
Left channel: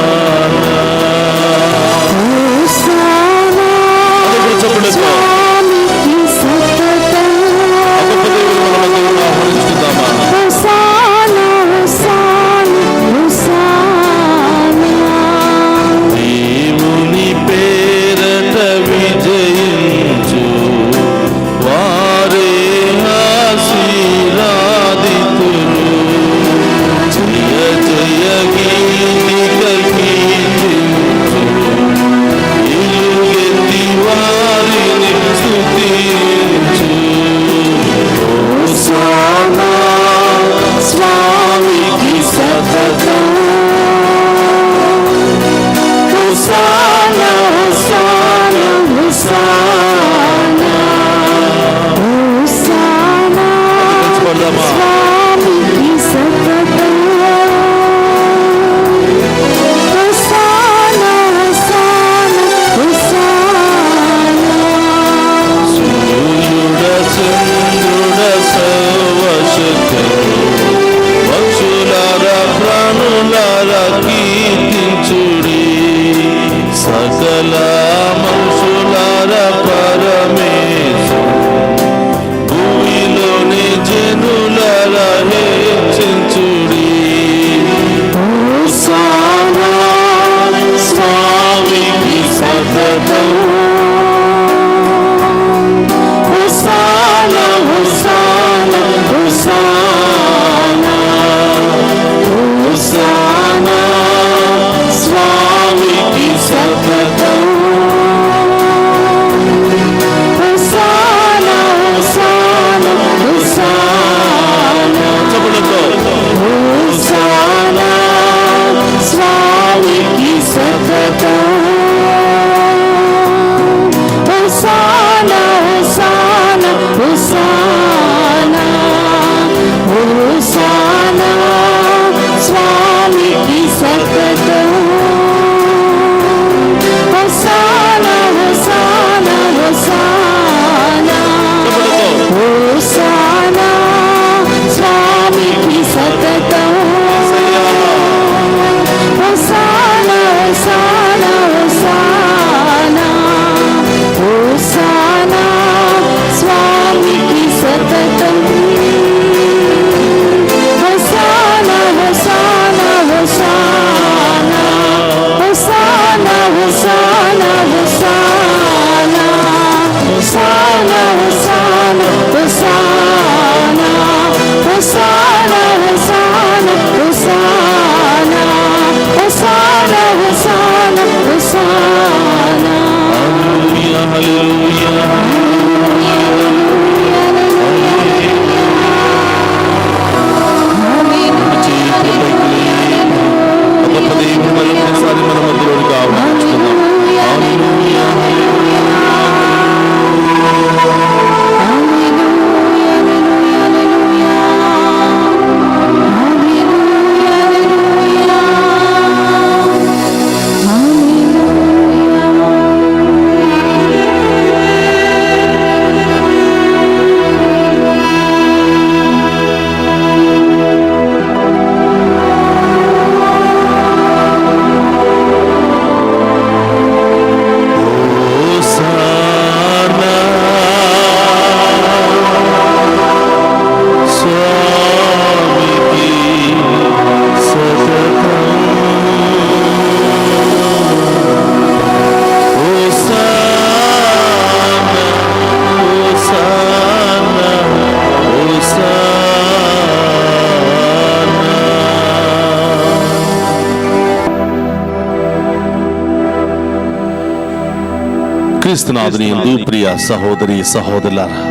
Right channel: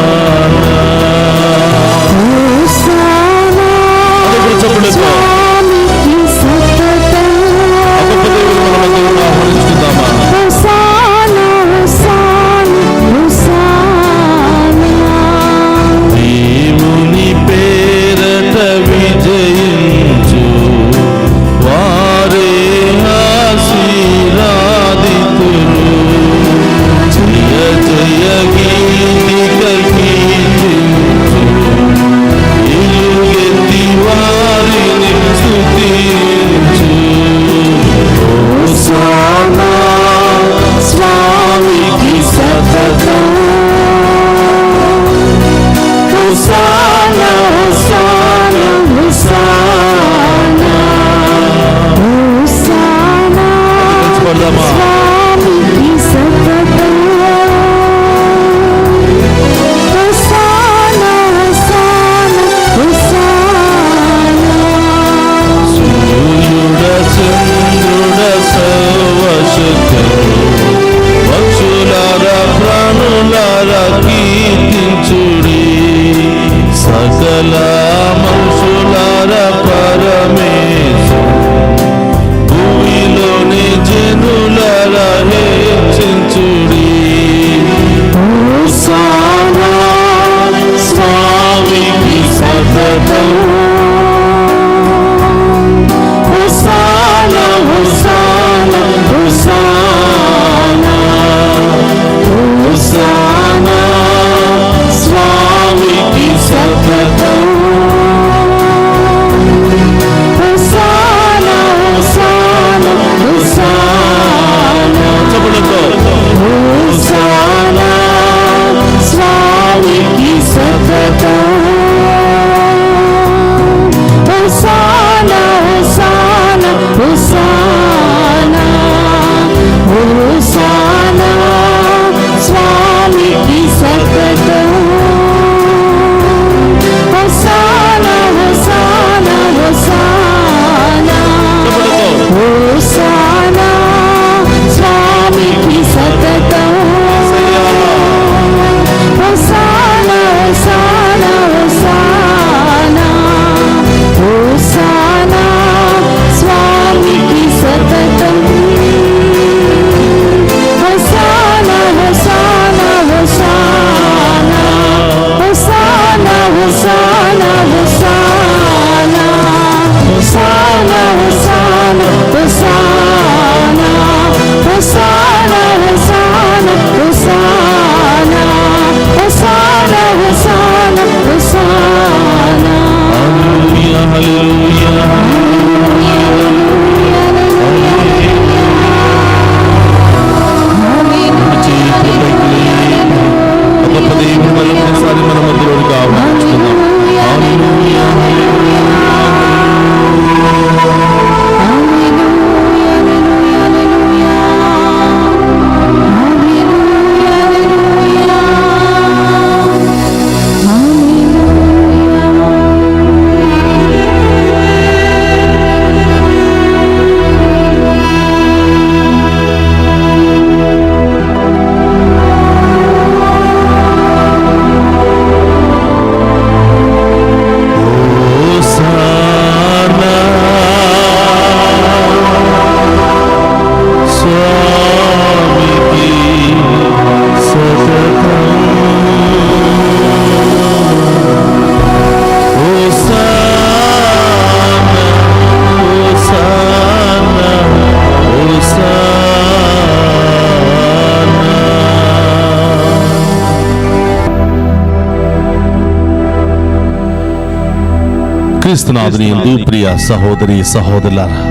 క్రీస్తునాథుని యందు ప్రియ సహోదరి సహోదరులారా,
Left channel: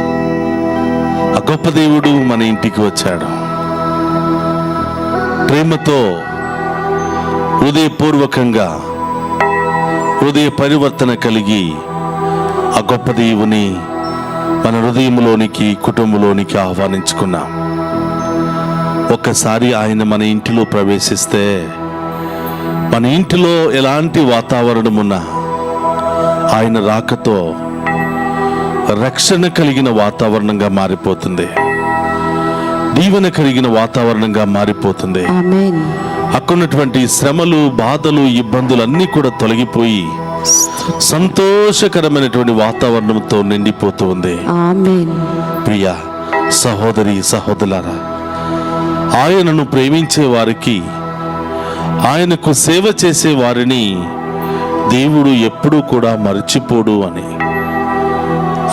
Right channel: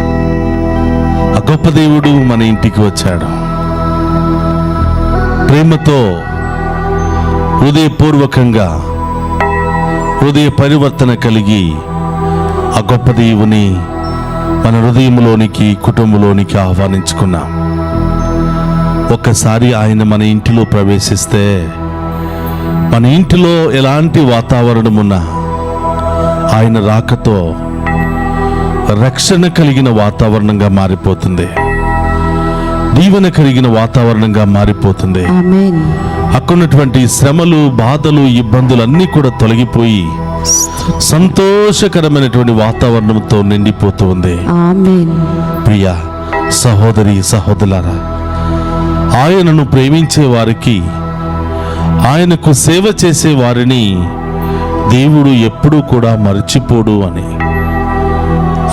ఆ గొప్ప దేవుడు మన ఇంటికి వచ్చాడు. ప్రేమతో హృదయపూర్వకంగా హృదయ పరివర్తన కలిగి ఆ గొప్ప దేవుని మన హృదయంలోనికి, కుటుంబంలోనికి ఆహ్వానించుకున్నాం. ఒక్కసారి ఆయన మన ఇంటిలో ప్రవేశిస్తే మన ఇంటిలో ఎలాంటి వాతావరణం ఉన్నా ఆయన రాకతో రక్షణ కలిగిన వాతావరణంగా మారిపోతుంది, దీవెన కలిగిన వాతావరణంగా మారిపోతుంది. ఆమేన్. అక్కడున్నటువంటి శ్రమలు, బాధలు, ఇబ్బందులు అన్నీ కూడా తొలగిపోయి సంతోషకరమైనటువంటి వాతావరణంతో నిండిపోతూ ఉంది. ఆమేన్. ప్రియ సహోదరి సహోదరులారా, ఆయనను ప్రేమించే వారికి, ఆయనకు సేవ చేసే వారిని దేవుడు ఎప్పుడూ కూడా మర్చిపోడు అని,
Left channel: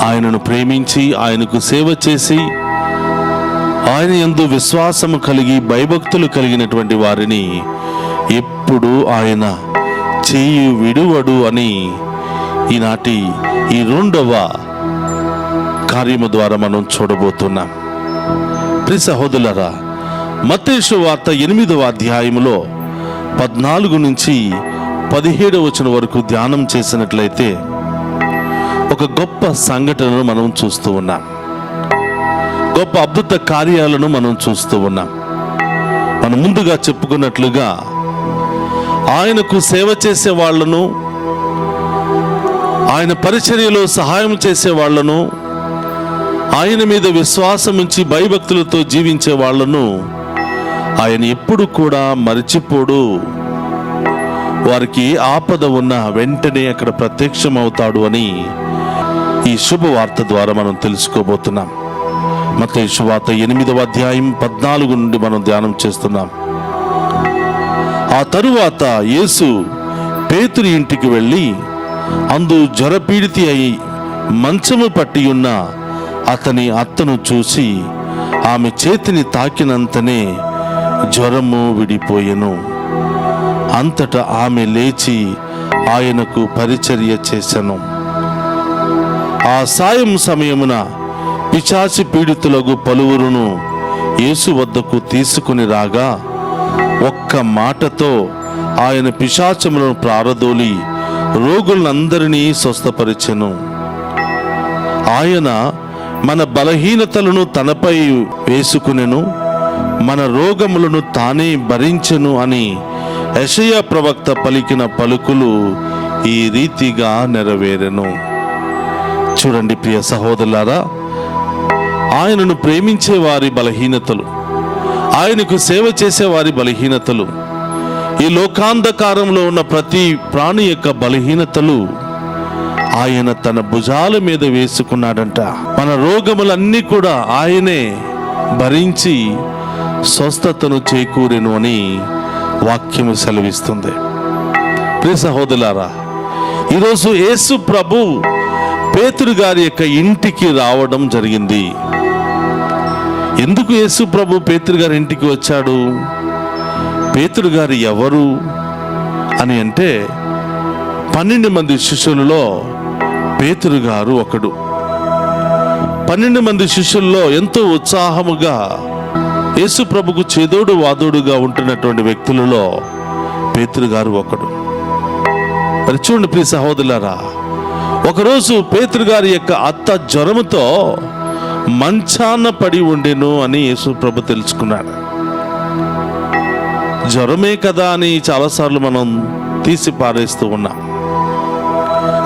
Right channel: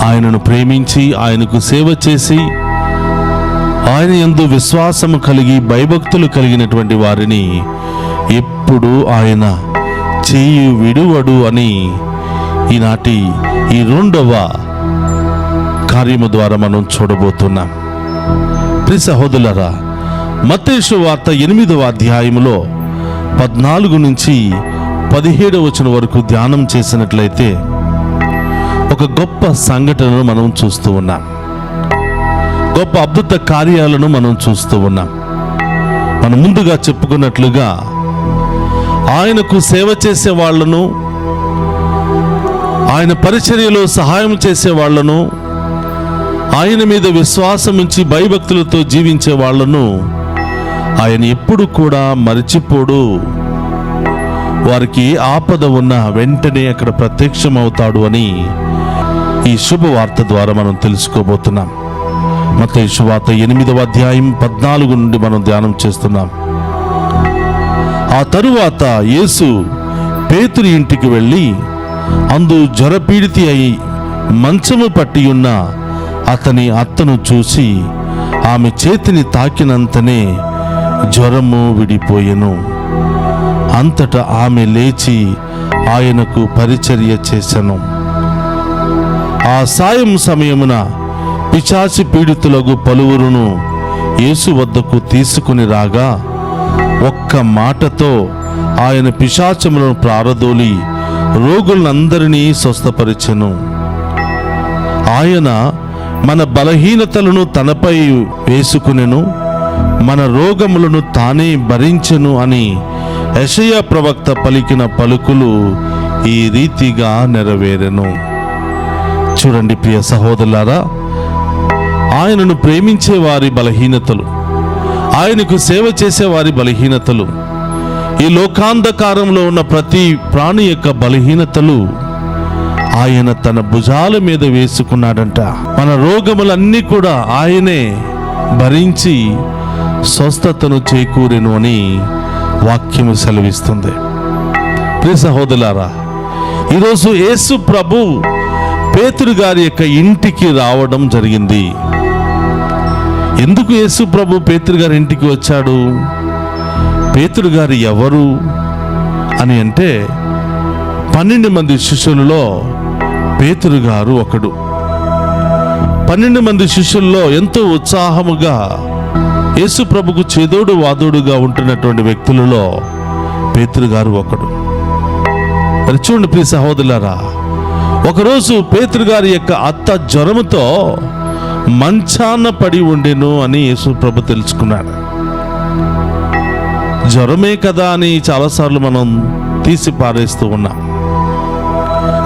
ఆయనను ప్రేమించి ఆయనకు సేవ చేసి ఆయన యందు విశ్వాసము కలిగి భయభక్తులు కలిగినటువంటి వారిని ఎప్పుడు ఆయన చేయి విడువడు అని ఈనాటి ఈ 2వ కార్యము ద్వారా మనం చూడబోతున్నాం. ప్రియ సహోదరులారా, మత్తయి సువార్త 8వ అధ్యాయములో 14 నుంచి 17వ వచనం వరకు ధ్యానం చేసినట్లయితే ఒక గొప్ప సంఘటనను మనం చూస్తూ ఉన్నాం. గొప్ప అద్భుత కార్యాలను మనం చూస్తూ ఉన్నాం. మనం ముందుగా చెప్పుకున్నట్లుగా ఆయనకు సేవ చేసే వాళ్లను, ఆయన పరిచర్యలో సహాయం చేసే వాళ్లను, ఆయన మీద విశ్వాసం ఉంచి భయభక్తులతో జీవించే వాళ్లను ఆయన ఎప్పుడు కూడా మరిచిపోడు. వారికి ఆపద ఉన్న వెంటనే అక్కడ ప్రత్యక్షమవుతాడు అని ఈ శుభవార్త ద్వారా మనం తెలుసుకోబోతున్నాం. మత్తయి సువార్త 8వ అధ్యాయం 14 నుండి మనం ధ్యానం చేస్తున్నాం. ఆ తరువాత యేసు పేతురు ఇంటికి వెళ్ళి అందు జ్వరపీడితి అయి మంచము పట్టి ఉన్న అతని అత్తను చూసి ఆమె చేతిని తాకినంతనే జ్వరము విడిపోయెను. అంతటా ఆమె లేచి ఆయనకు పరిచర్య చేసెను. ఆ సాయం సమయమున పిశాచి పీడితులకు పలువురును యేసు వద్దకు తీసుకుని రాగా ఒక్క మాటతో ఆయన పిశాచములను ప్రారదోలి రోగులందరినీ స్వస్థపరిచెను. ఆయన మన బలహీనతలను తనపై వేసుకునెను, మన రోగములను తానే భరించెను అని యెషయా ప్రవక్త పలికిన పలుకులు ఈ రీతిగా నెరవేరెను. చూడండి ప్రియ సహోదరులారా, ఆయనను ప్రేమించే వారి బలహీనతలు, ఆయనకు సేవ చేసే వారి బలహీనతలు, ఈ లోకాంధకారంలో ఉన్న ప్రతి ప్రాణి యొక్క బలహీనతలు ఆయన తన భుజాల మీద వేసుకున్నాడంట. మన రోగములన్నీ కూడా ఆయనే భరించి స్వస్థతను చేకూరెను అని వాక్యము సెలవిస్తుంది. ప్రియ సహోదరులారా, ఈరోజు యేసు ప్రభు పేతురు గారి యొక్క ఇంటికి రావడం జరిగింది. ఎందుకు యేసు ప్రభు పేతురు గారి ఇంటికి వచ్చాడు? పేతురు గారు ఎవరు అని అంటే 12 మంది శిష్యులలో పేతురు గారు ఒకడు. 12 మంది శిష్యుల్లో ఎంతో ఉత్సాహముగా యేసు ప్రభుకు చేదోడు వాదోడుగా ఉంటున్నటువంటి వ్యక్తులలో పేతురు గారు ఒకడు. మరి చూడండి ప్రియ సహోదరులారా, ఒకరోజు పేతురు గారి యొక్క అత్త జ్వరముతో మంచాన పడి ఉండెను అని యేసు ప్రభు తెలుసుకున్నాడు. జ్వరమే కదా అని చాలాసార్లు మనం తీసి పారేస్తూ ఉన్నాం.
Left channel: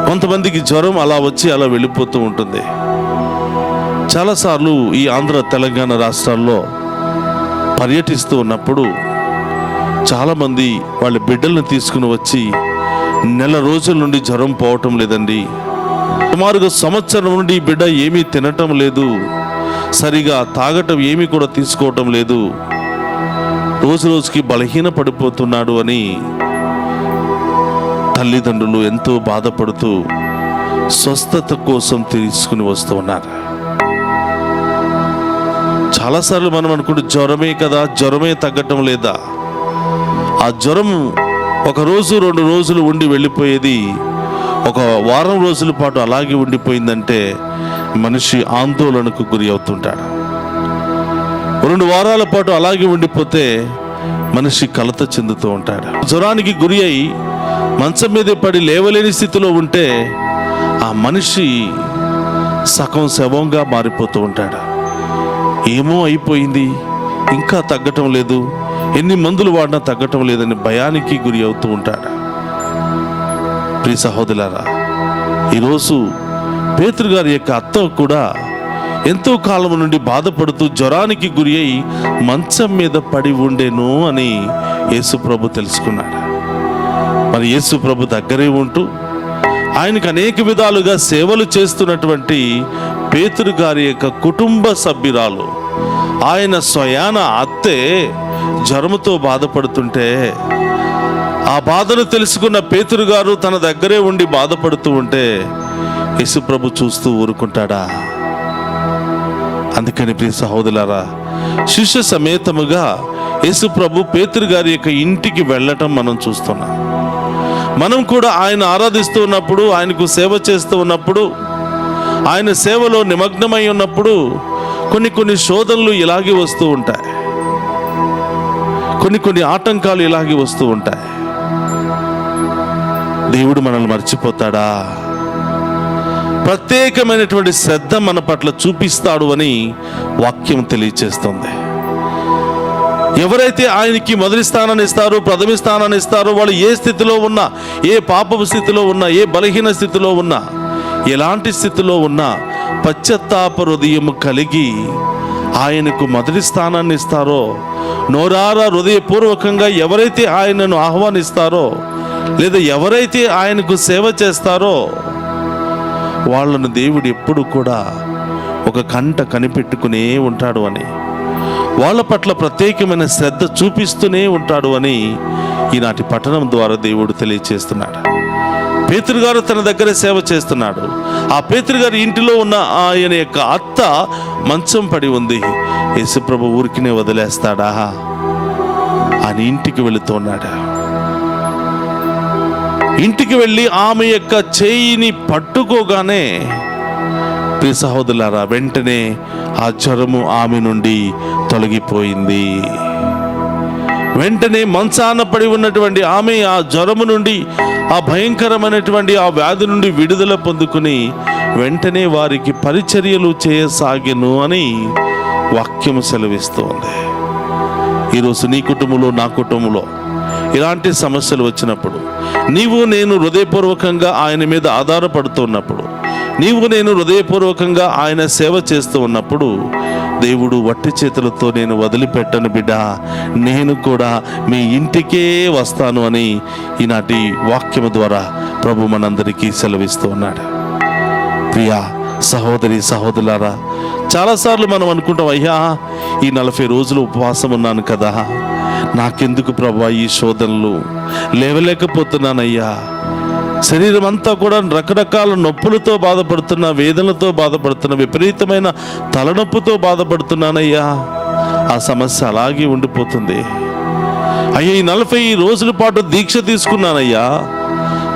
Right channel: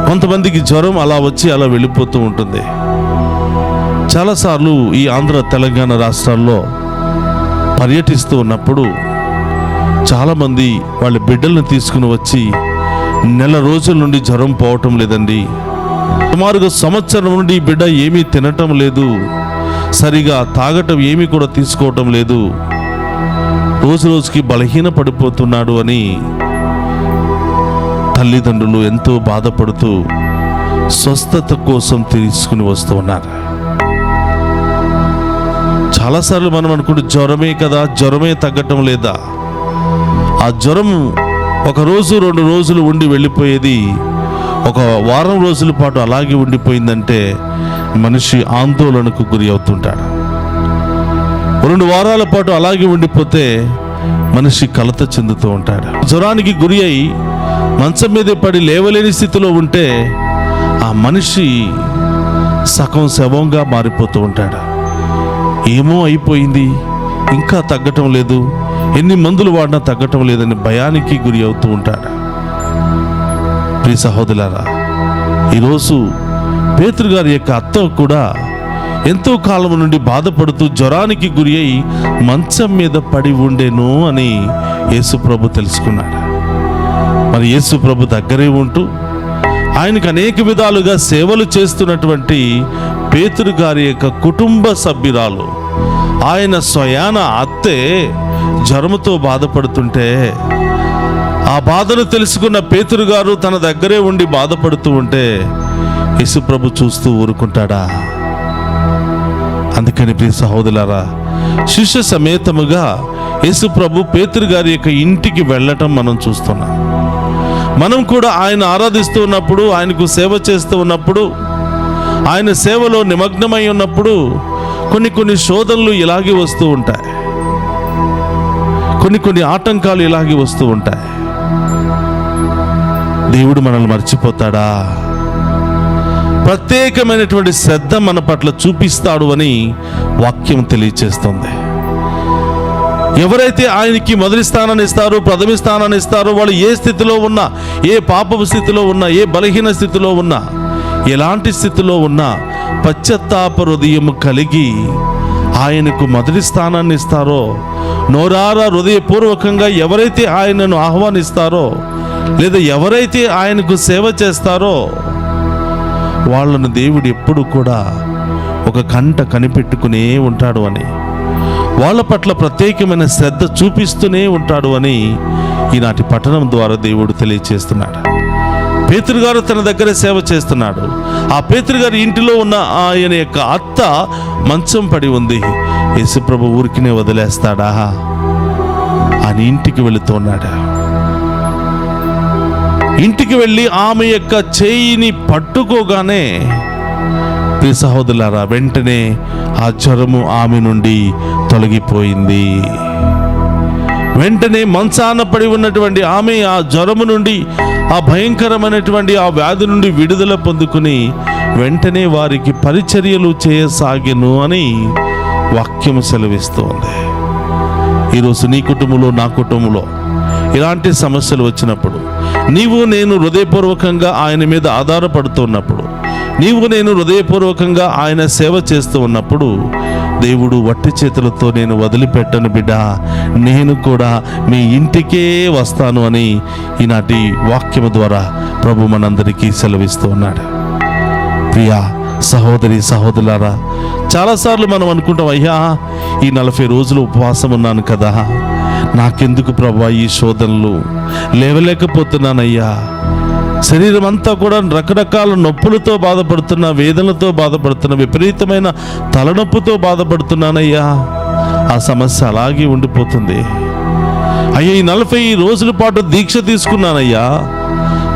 కొంతమందికి జ్వరం అలా వచ్చి అలా వెళ్ళిపోతూ ఉంటుంది. చాలాసార్లు ఈ ఆంధ్ర తెలంగాణ రాష్ట్రాల్లో పర్యటిస్తూ ఉన్నప్పుడు చాలామంది వాళ్ళ బిడ్డలను తీసుకుని వచ్చి నెల రోజుల నుండి జ్వరం పోవటం లేదండి, సుమారుగా సంవత్సరం నుండి బిడ్డ ఏమీ తినటం లేదు, సరిగా తాగటం ఏమీ కూడా తీసుకోవటం లేదు, రోజు రోజుకి బలహీన పడిపోతున్నాడు అని తల్లిదండ్రులు ఎంతో బాధపడుతూ స్వస్థత కోసం తీసుకుని వస్తూ ఉన్నారు. చాలాసార్లు మనం అనుకుంటే జ్వరమే కదా, జ్వరమే తగ్గటం లేదా. ఆ జ్వరం 1 రోజు 2 రోజులు ఉండి వెళ్ళిపోయేది ఒక వారం రోజుల పాటు అలాగే ఉండిపోయిందంటే మనిషి ఆందోళనకు గురి అవుతుంటాడు. 2 వారాల పాటు అలాగే ఉండిపోతే మనిషి కలత చెందుతూ ఉంటాడు. జ్వరానికి గురి అయి మంచం మీద పడి లేవలేని స్థితిలో ఉంటే ఆ మనిషి సగం శవంగా మారిపోతూ ఉంటాడు. ఏమో అయిపోయింది, ఇంకా తగ్గటం లేదు, ఎన్ని మందులు వాడినా తగ్గటం లేదని భయానికి గురి అవుతూ ఉంటాడు. ప్రియ సహోదరులారా, ఈరోజు పేతురు గారి యొక్క అత్త కూడా ఎంతో కాలం నుండి బాధపడుతూ జ్వరానికి గురి అయి మంచం మీద పడి ఉండేను అని యేసు ప్రభు తెలుసుకున్నాడు. మరి యేసు ప్రభు దగ్గరే ఉంటూ ఆయనకు అనేక విధాలుగా సేవలు చేస్తున్నటువంటి పేతురు గారి యొక్క కుటుంబ సభ్యురాలు, ఆయన స్వయాన అత్తే జ్వరముతో బాధపడుతుంటే ఆ బాధను తెలుసుకున్న పేతురు గారు తన దగ్గరే ఉండి బాధపడుతూ ఉంటే యేసు ప్రభు చూస్తూ ఊరుకుంటాడా? అందుకని ప్రియ సహోదరులారా, శిష్య సమేతముగా యేసు ప్రభు పేతురు గారి యొక్క ఇంటికి వెళ్ళటం మనం చూస్తున్నాం. మనం కూడా ఆయన ఆరాధిస్తూ ఉన్నప్పుడు, ఆయనకు సేవ చేస్తూ ఉన్నప్పుడు, ఆయన సేవలో నిమగ్నమై ఉన్నప్పుడు కొన్ని శోధనలు ఇలాగే వస్తూ ఉంటాయి, కొన్ని ఆటంకాలు ఇలాగే వస్తూ ఉంటాయి. దేవుడు మనల్ని మర్చిపోతాడా? ప్రత్యేకమైనటువంటి శ్రద్ధ మన పట్ల చూపిస్తాడు అని వాక్యం తెలియచేస్తుంది. ఎవరైతే ఆయనకి మొదటి స్థానాన్ని ఇస్తారో, ప్రథమ స్థానాన్ని ఇస్తారో, వాళ్ళు ఏ స్థితిలో ఉన్నా, ఏ పాపపు స్థితిలో ఉన్నా, ఏ బలహీన స్థితిలో ఉన్నా, ఎలాంటి స్థితిలో ఉన్నా పశ్చాత్తాప హృదయం కలిగి ఆయనకు మొదటి స్థానాన్ని ఇస్తారో, నోరారా హృదయపూర్వకంగా ఎవరైతే ఆయనను ఆహ్వానిస్తారో, లేదా ఎవరైతే ఆయనకు సేవ చేస్తారో వాళ్ళను దేవుడు ఎప్పుడు కూడా ఒక కంట కనిపెట్టుకునే ఉంటాడు అని, వాళ్ళ పట్ల ప్రత్యేకమైన శ్రద్ధ చూపిస్తూనే ఉంటాడు అని ఈనాటి పఠనం ద్వారా దేవుడు తెలియచేస్తున్నాడు. పేతురు గారు తన దగ్గర సేవ చేస్తున్నాడు. ఆ పేతురు గారి ఇంటిలో ఉన్న ఆయన యొక్క అత్త మంచం పడి ఉంది. యేసుప్రభు ఊరికినే వదిలేస్తాడా? ఆయన ఇంటికి వెళుతున్నాడు. ఇంటికి వెళ్ళి ఆమె యొక్క చేయిని పట్టుకోగానే ప్రియ సహోదరులారా, వెంటనే ఆ జ్వరము ఆమె నుండి తొలగిపోయింది. వెంటనే మంచాన పడి ఉన్నటువంటి ఆమె ఆ జ్వరము నుండి, ఆ భయంకరమైనటువంటి ఆ వ్యాధి నుండి విడుదల పొందుకుని వెంటనే వారికి పరిచర్యలు చేయసాగెను అని వాక్యము సెలవిస్తోంది. ఈరోజు నీ కుటుంబంలో, నా కుటుంబంలో ఇలాంటి సమస్యలు వచ్చినప్పుడు, నీవు నేను హృదయపూర్వకంగా ఆయన మీద ఆధారపడుతున్నప్పుడు, నీవు నేను హృదయపూర్వకంగా ఆయన సేవ చేస్తూ ఉన్నప్పుడు, దేవుడు వట్టి చేతులతో నేను వదిలిపెట్టను బిడ్డ, నేను కూడా మీ ఇంటికే వస్తాను అని ఈనాటి వాక్యము ద్వారా ప్రభు మనందరికీ సెలవిస్తూ ఉన్నాడు. ప్రియా సహోదరి సహోదరులారా, చాలాసార్లు మనం అనుకుంటాం, అయ్యా ఈ 40 రోజులు ఉపవాసం ఉన్నాను కదా, నాకెందుకు ప్రభా ఈ శోధనలు, లేవలేకపోతున్నానయ్యా, శరీరం అంతా కూడా రకరకాల నొప్పులతో బాధపడుతున్నా, వేదనలతో బాధపడుతున్నా, విపరీతమైన తలనొప్పితో బాధపడుతున్నానయ్యా, ఆ సమస్య అలాగే ఉండిపోతుంది. అయ్యా ఈ 40 రోజుల పాటు దీక్ష తీసుకున్నానయ్యా,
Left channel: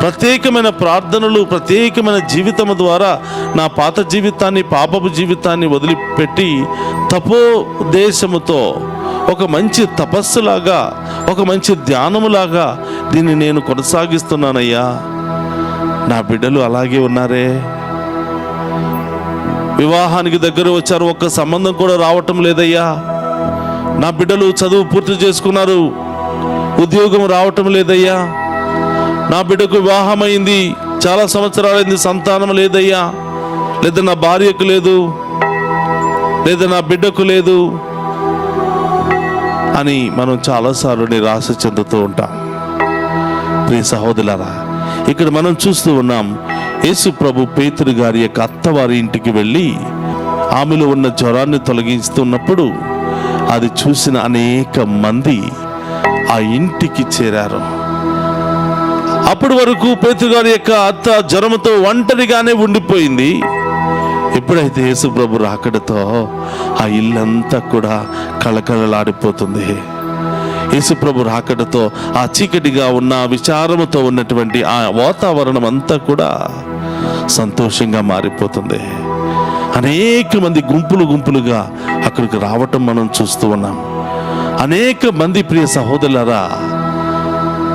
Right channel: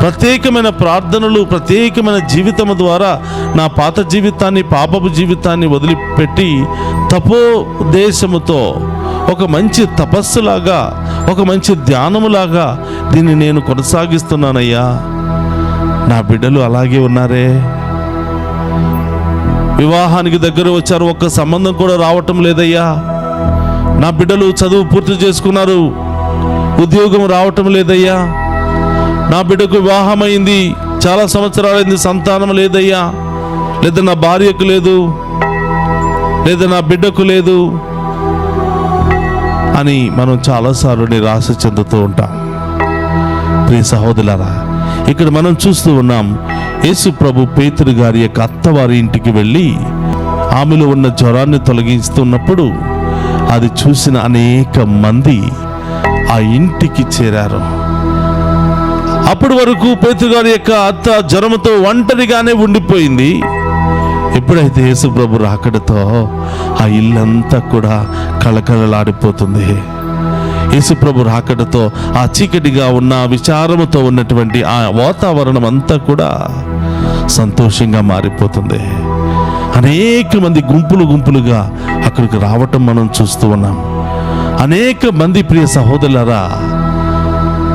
ప్రత్యేకమైన ప్రార్థనలు, ప్రత్యేకమైన జీవితం ద్వారా నా పాత జీవితాన్ని, పాపపు జీవితాన్ని వదిలిపెట్టి తపోదేశముతో ఒక మంచి తపస్సులాగా, ఒక మంచి ధ్యానములాగా దీన్ని నేను కొనసాగిస్తున్నానయ్యా, నా బిడ్డలు అలాగే ఉన్నారే, వివాహానికి దగ్గర వచ్చారు, ఒక్క సంబంధం కూడా రావటం లేదయ్యా, నా బిడ్డలు చదువు పూర్తి చేసుకున్నారు, ఉద్యోగం రావటం లేదయ్యా, నా బిడ్డకు వివాహం అయింది, చాలా సంవత్సరాలైంది, సంతానం లేదయ్యా, లేదా నా భార్యకు లేదు, లేదా నా బిడ్డకు లేదు అని మనం చాలాసార్లు నిరాశ చెందుతూ ఉంటాం. ప్రియ సహోదరులారా, ఇక్కడ మనం చూస్తూ ఉన్నాం, యేసు ప్రభు పేతురు గారి యొక్క అత్తవారి ఇంటికి వెళ్ళి ఆమెలో ఉన్న జ్వరాన్ని తొలగిస్తున్నప్పుడు అది చూసిన అనేక మంది ఆ ఇంటికి చేరారు. అప్పటి వరకు పేతురు గారి యొక్క అత్త జ్వరంతో ఒంటరిగానే ఉండిపోయింది. ఎప్పుడైతే యేసు ప్రభు రాకడతో ఆ ఇల్లంతా కూడా కళకళలాడిపోతుంది. యేసుప్రభు రాకడతో ఆ చీకటిగా ఉన్న విచారముతో ఉన్నటువంటి ఆ వాతావరణం అంతా కూడా సంతోషంగా మారిపోతుంది. అనేక మంది గుంపులు గుంపులుగా అక్కడికి రావటం మనం చూస్తూ ఉన్నాం. అనేక మంది ప్రియ సహోదరులారా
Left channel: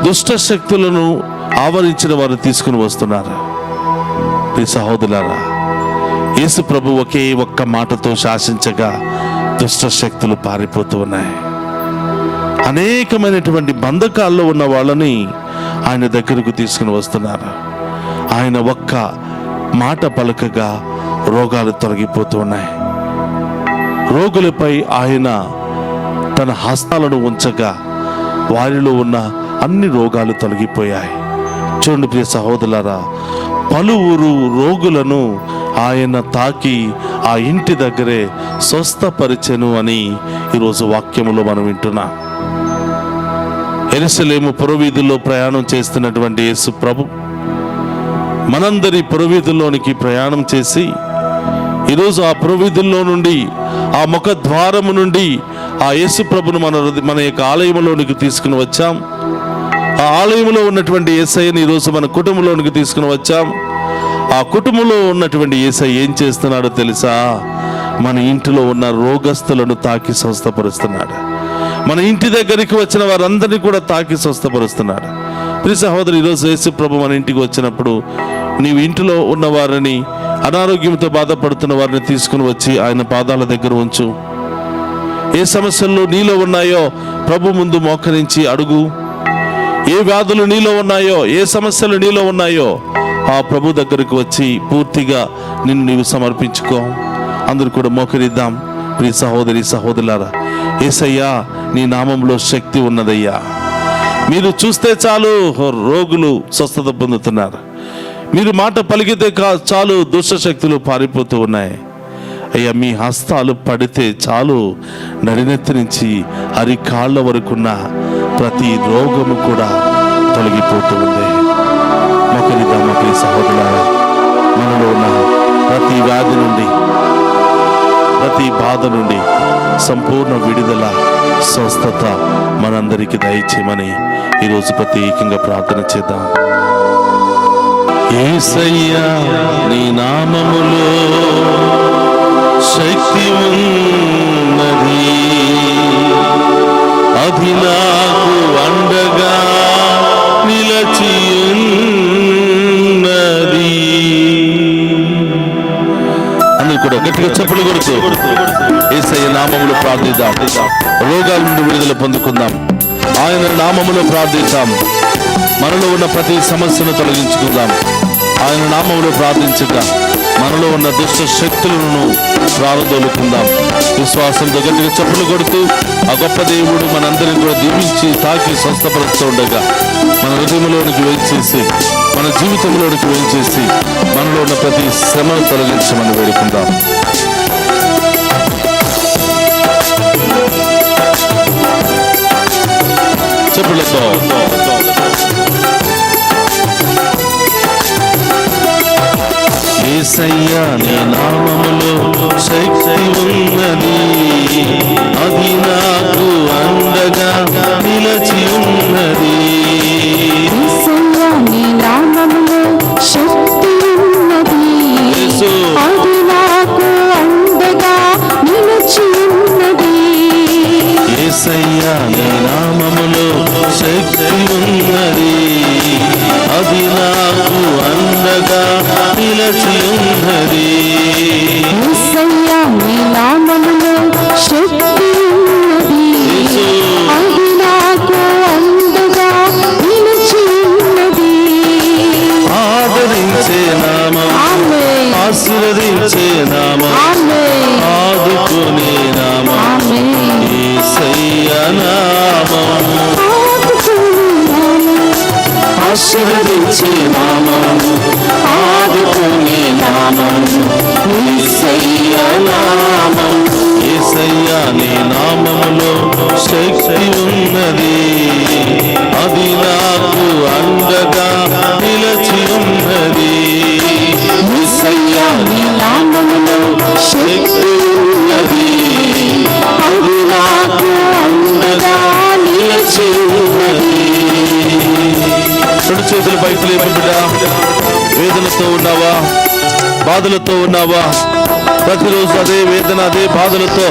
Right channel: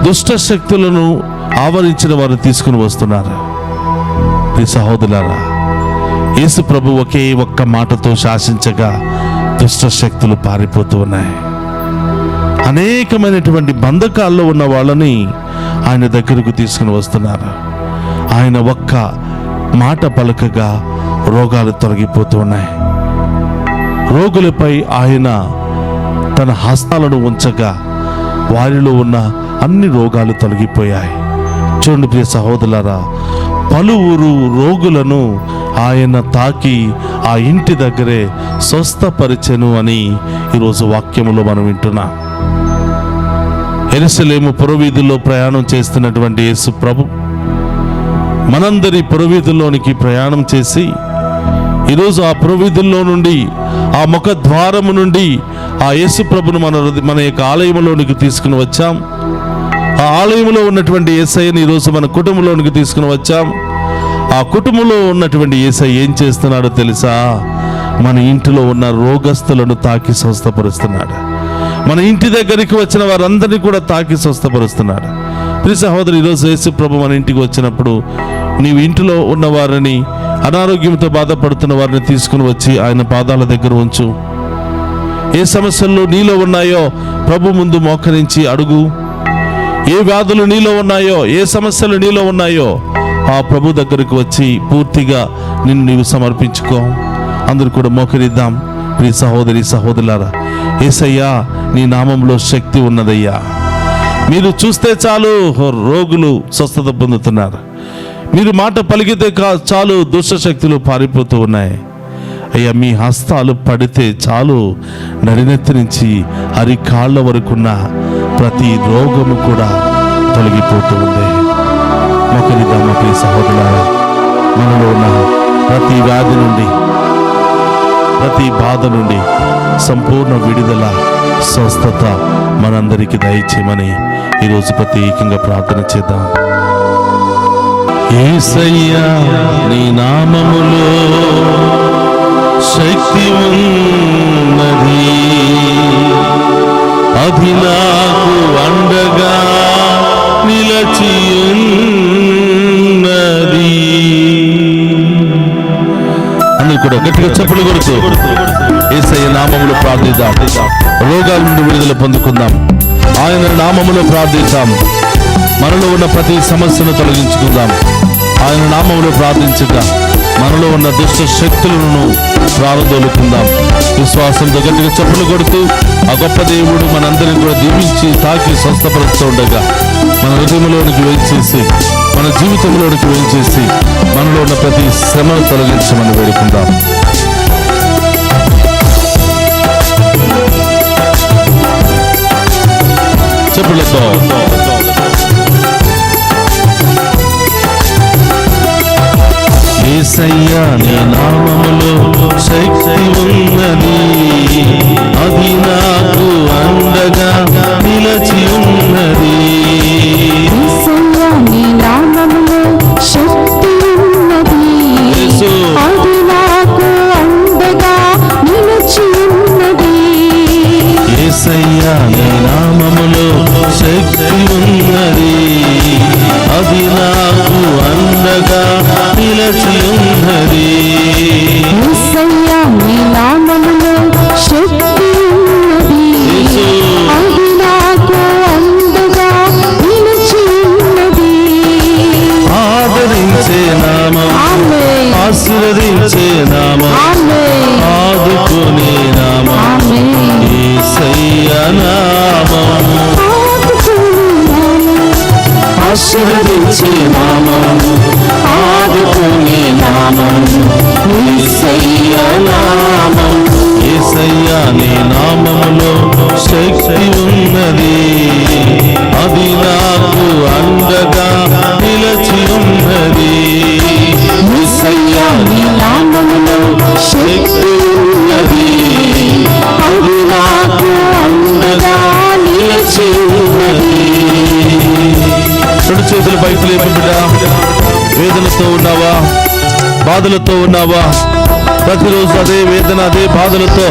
దుష్ట శక్తులను ఆవరించిన వారు తీసుకుని వస్తున్నారు. ప్రియ సహోదరులారా, యేసు ప్రభు ఒకే ఒక్క మాటతో శాసించగా దుష్ట శక్తులు పారిపోతూ ఉన్నాయి. అనేకమైనటువంటి బంధకాల్లో ఉన్న వాళ్ళని ఆయన దగ్గరకు తీసుకుని వస్తున్నారు. ఆయన ఒక్క మాట పలకగా రోగాలు తొలగిపోతూ ఉన్నాయి. రోగులపై ఆయన తన హస్తాలను ఉంచగా వారిలో ఉన్న అన్ని రోగాలు తొలగిపోయాయి. చూడండి ప్రియ సహోదరులారా, పలువురు రోగులను ఆయన తాకి ఆ ఇంటి దగ్గరే స్వస్థపరిచెను అని ఈరోజు వాక్యములో మనం వింటున్నాం. యెరూషలేము పురవీధుల్లో ప్రయాణం చేస్తున్నటువంటి యేసు ప్రభు మనందరి పురవీధుల్లోనికి ప్రయాణం చేసి ఈరోజు ఆ పురవీధుల్లో నుండి ఆ ముఖ ద్వారము నుండి ఆ యేసు ప్రభును మన యొక్క ఆలయంలోనికి తీసుకుని వచ్చాం. ఆ ఆలయంలో ఉన్నటువంటి యేసయ్యని ఈరోజు మన కుటుంబంలోనికి తీసుకుని వచ్చాం. ఆ కుటుంబంలో ఉన్నటువంటి యేసయ్య ఏం చేస్తున్నాడో తెలుసా? మన ఇంటిలో ఉన్న రోగస్తులను తాకి స్వస్థపరుస్తున్నాడు. మన ఇంటి దగ్గరికి వచ్చిన వారందరినీ కూడా తాకి స్వస్థపరుస్తున్నాడు. ప్రియ సహోదరు, ఈరోజు యేసు ప్రభు మన ఇంటికి వచ్చినప్పుడు నీవు ఇంటిలో ఉన్న వారిని, అనారోగ్యంతో బాధపడుతున్న వారిని తీసుకుని వచ్చి ఆయన పాదాల దగ్గర ఉంచు. ఏ సమస్యలు నీలో ఉన్నాయో ప్రభు ముందు మోకరించి అడుగు. ఏ వ్యాధులు నీలో ఉన్నాయో, ఏ సమస్యలు నీలో ఉన్నాయో ఆ ప్రభు దగ్గరకు వచ్చి పూర్తిగా నిన్ను నీవు సమర్పించుకో. అందరూ కూడా మోకరిద్దాం. ప్రియ సహోదరి సహోదరులారా, యేసయ్యా నీ నామంలో శక్తి ఉన్నదయ్యా. మీరు చూస్తే చాలు రోగులు స్వస్థత పొందుతున్నారు. మీరు మాట పలికితే చాలు దుష్ట శక్తులు పారిపోతూ ఉన్నాయి. అయ్యా, మీ హస్తాలు పడితే చాలు నడినెత్తి నుంచి అరికాళ్ళ వరకున్న ప్రతి రోగము కూడా తొలగిపోతూ ఉంది. మొక్కలిద్దామా ప్రియ సహోదరులారా, మనలో ఉన్న ప్రతి వ్యాధి నుండి, ప్రతి బాధ నుండి సంపూర్ణ విడుదల, స్వస్థత మనందరికీ దయచేయమని ఈరోజు ప్రత్యేకంగా ప్రార్థన చేద్దాం. యేసయ్యా నీ నామములో శక్తి ఉన్నది, అది నాకు అండగా నిలచి ఉన్నది. అందరూ కూడా గట్టిగా చప్పట్లు కొడుతూ యేసయ్య నామములో ప్రార్థిద్దాం. రోగాల నుండి విడుదల పొందుకుందాం. ఆయన నామములో ప్రార్థిద్దాం. మనలో ఉన్న ప్రతి సమస్యను తొలగించుకుందాం. ఆయన నామములో ప్రార్థించగా మనలో ఉన్న దుష్ట శక్తులను ప్రారంభోలుకుందాం. విశ్వాసంతో గట్టిగా చప్పట్లు కొడుతూ ఆ గొప్ప దేవుడు మనందరినీ కూడా దీవించి తాకి స్వస్థపరుస్తూ ఉండగా మన హృదయంలోనికి వేయించేసి, మన జీవితంలోనికి వేయించేసి మనలో ఉన్న ప్రతి శ్రమను తొలగించమని వేడుకుందాం. చెప్పులతో యేసయ్యా నీ నామములో శక్తి ఉన్నది, అది నాకు అండగా నిలచి ఉన్నది. యేసయ్యా నీ నామములో శక్తి ఉన్నది, అది నాకు అండగా నిలిచి ఉన్నది. యేసయ్యా నీ నామములో శక్తి ఉన్నది, అది నాకు అండగా నిలచి ఉన్నది. యేసయ్యా నీ నామములో శక్తి ఉన్నది, అది నాకు అండగా నిలిచి ఉన్నది. ఆదరించే నామం, ఆశీర్వదించే నామం, ఆదుకునే నామం యేసయ్యా నామం. ఆశీర్వదించే నామం, ఆదుకునే నామం యేసయ్యా నామం. యేసయ్యా నీ నామములో శక్తి ఉన్నది, అది నాకు అండగా నిలచి ఉన్నది. యేసయ్యా నీ నామములో శక్తి ఉన్నది, అది నాకు అండగా నిలిచి నిలిచి ఉన్నది. రెండు చేతులు పైకి లేపు బిడ్డ. వేదనతో ఉన్నావా, బాధలతో ఉన్నావా? ప్రతిరోజు అదే వేదన, అదే బాధలతో,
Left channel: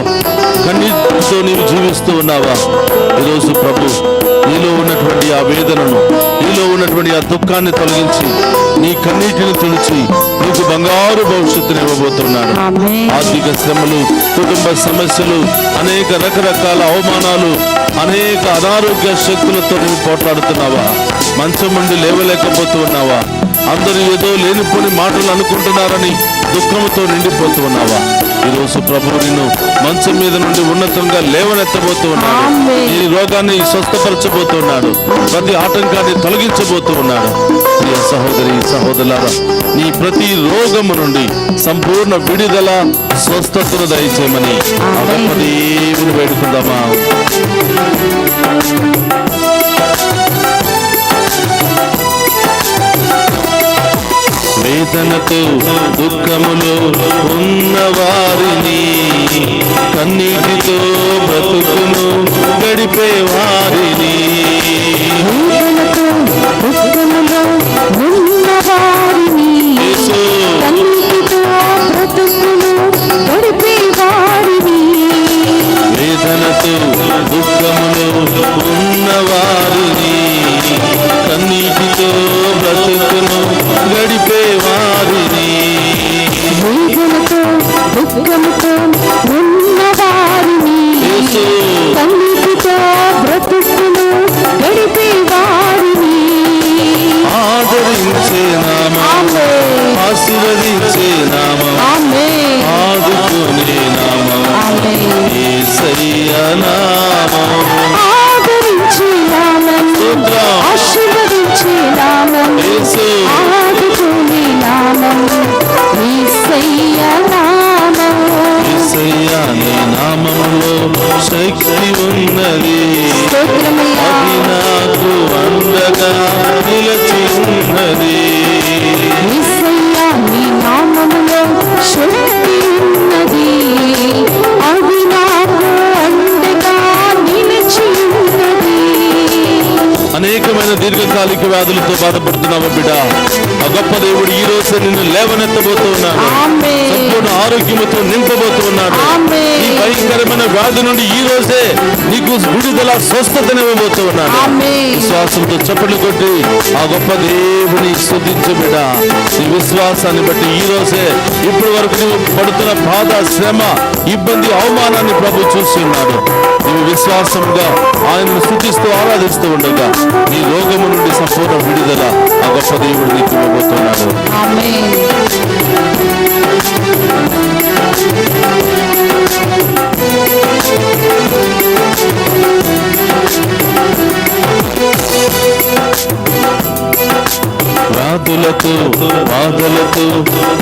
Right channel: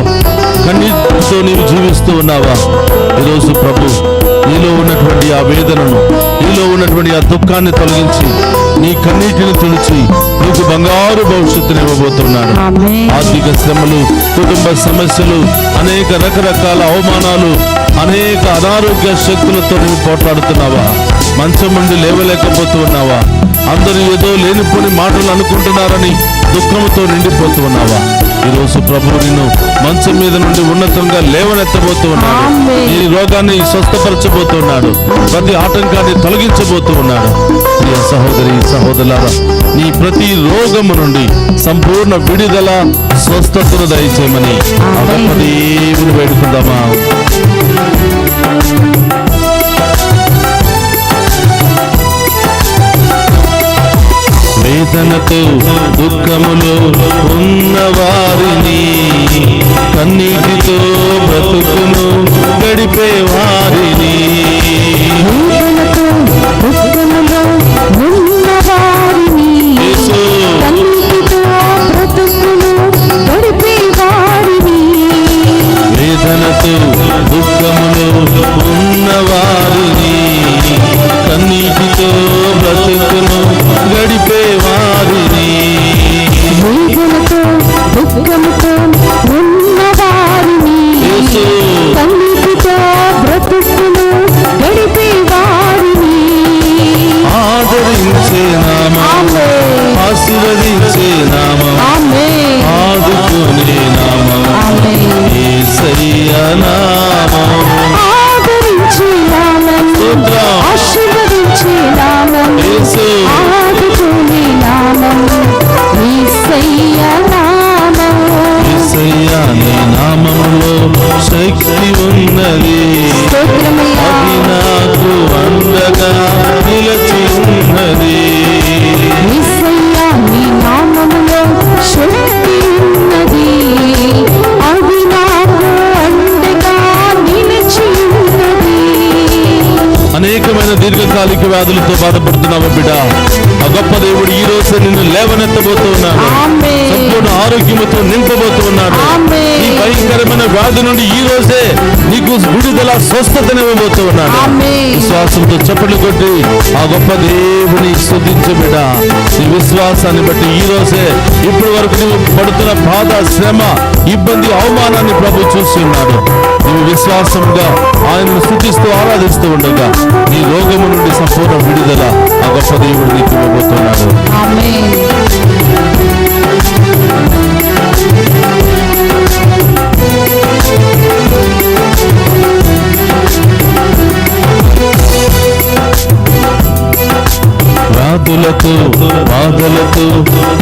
కన్నీటితో నీవు జీవిస్తూ ఉన్నావా? ఈరోజు ప్రభు నీలో ఉన్నటువంటి ఆ వేదనను, నీలో ఉన్నటువంటి ఆ దుఃఖాన్ని తొలగించి, నీ కన్నీటిని తుడిచి నీకు బంగారు భవిష్యత్తుని ఇవ్వబోతున్నాడు. ఆర్థిక శ్రమలు, కుటుంబ సమస్యలు, అనేక రకరకాల అవమానాలు, అనేక అనారోగ్య శక్తులతో నువ్వు పోట్లాడుతున్నావా? మంచం నుండి లేవలేకపోతూ ఉన్నావా? అందరూ ఏదో లేనిపోని మాటలు అనుకుంటున్నారని దుఃఖంతో నిండిపోతూ ఉన్నావా? ఈరోజు ప్రభువు నిన్ను మంచం మీద నుండి ఉన్నతంగా లేవనెత్తబోతూ ఉన్నాడు. నీ రోగాన్ని స్వస్థపరచబోతూ ఉన్నాడు. ప్రతి ఆటంకాన్ని తొలగించబోతూ ఉన్నాడు. ప్రియ సహోదరి సహోదరులారా, నీ ప్రతి రోగము నుండి సంపూర్ణ విడుదల, స్వస్థతను దయచేయమని ఆ గొప్ప దేవుని వేడుకుందామా? వేదనతో దుఃఖములో ఉన్నవారిని, కన్నీటితో బ్రతుకును గడిపే వారిని, వేదనతో దుఃఖములో ఉన్నవారిని, కన్నీటితో బ్రతుకును గడిపే వారిని, వేదనతో దుఃఖములో ఉన్నవారిని, కన్నీటితో బ్రతుకును గడిపే వారిని, వేదనతో దుఃఖముతో ఉన్నవారిని, కన్నీటితో బ్రతుకును గడిపే వారిని ఆదరించే నామం, ఆశీర్వదించే నామం, ఆదుకునే నామం, యేసయ్య నామం, ఆదరించే నామం, ఆశీర్వదించే నామం, ఆదుకునే నామం, యేసయ్య నామం. యేసయ్య నీ నామములో శక్తి ఉన్నది, అది నాకు అండగా నిలిచి ఉన్నది. యేసయ్య నీ నామములో శక్తి ఉన్నది, అది నాకు అండగా నిలిచి ఉన్నది. అనేకమైన దీర్ఘకాలిక వ్యాధులతో బాధపడుతున్నావు బిడ్డ. ఆ గొప్ప దేవుడు ఈ రోజు నిన్ను లేవనెత్తబోతూ ఉన్నాడు. సంపూర్ణ ఆరోగ్యముతో నింపబోతూ ఉన్నాడు. ఈ భయంకరమైన వ్యాధి నుండి ఈ రోజే నీకు విడుదల, స్వస్థతనివ్వబోతూ ఉన్నాడు. విశ్వాసంతో చప్పట్లు కొట్టి ఆ గొప్ప దేవుని స్తుతించు బిడ్డ. నీ విశ్వాసాన్ని బట్టి ఈ రోజే, ఇప్పటి వరకు నువ్వు పడుతున్న బాధ, శ్రమ, ఇబ్బంది, అవమానాన్ని ప్రభు చూసి ఉన్నాడు. నువ్వు విశ్వాసంగా ఆయనను స్తుతిస్తూ ఆరాధిస్తూ ఉండగా నీ రోగము నుండి సంపూర్ణ విడుదల ఆ గొప్ప దేవుడు నీకు ఇవ్వబోతున్నాడు. వ్యాధులతో, బాధలతో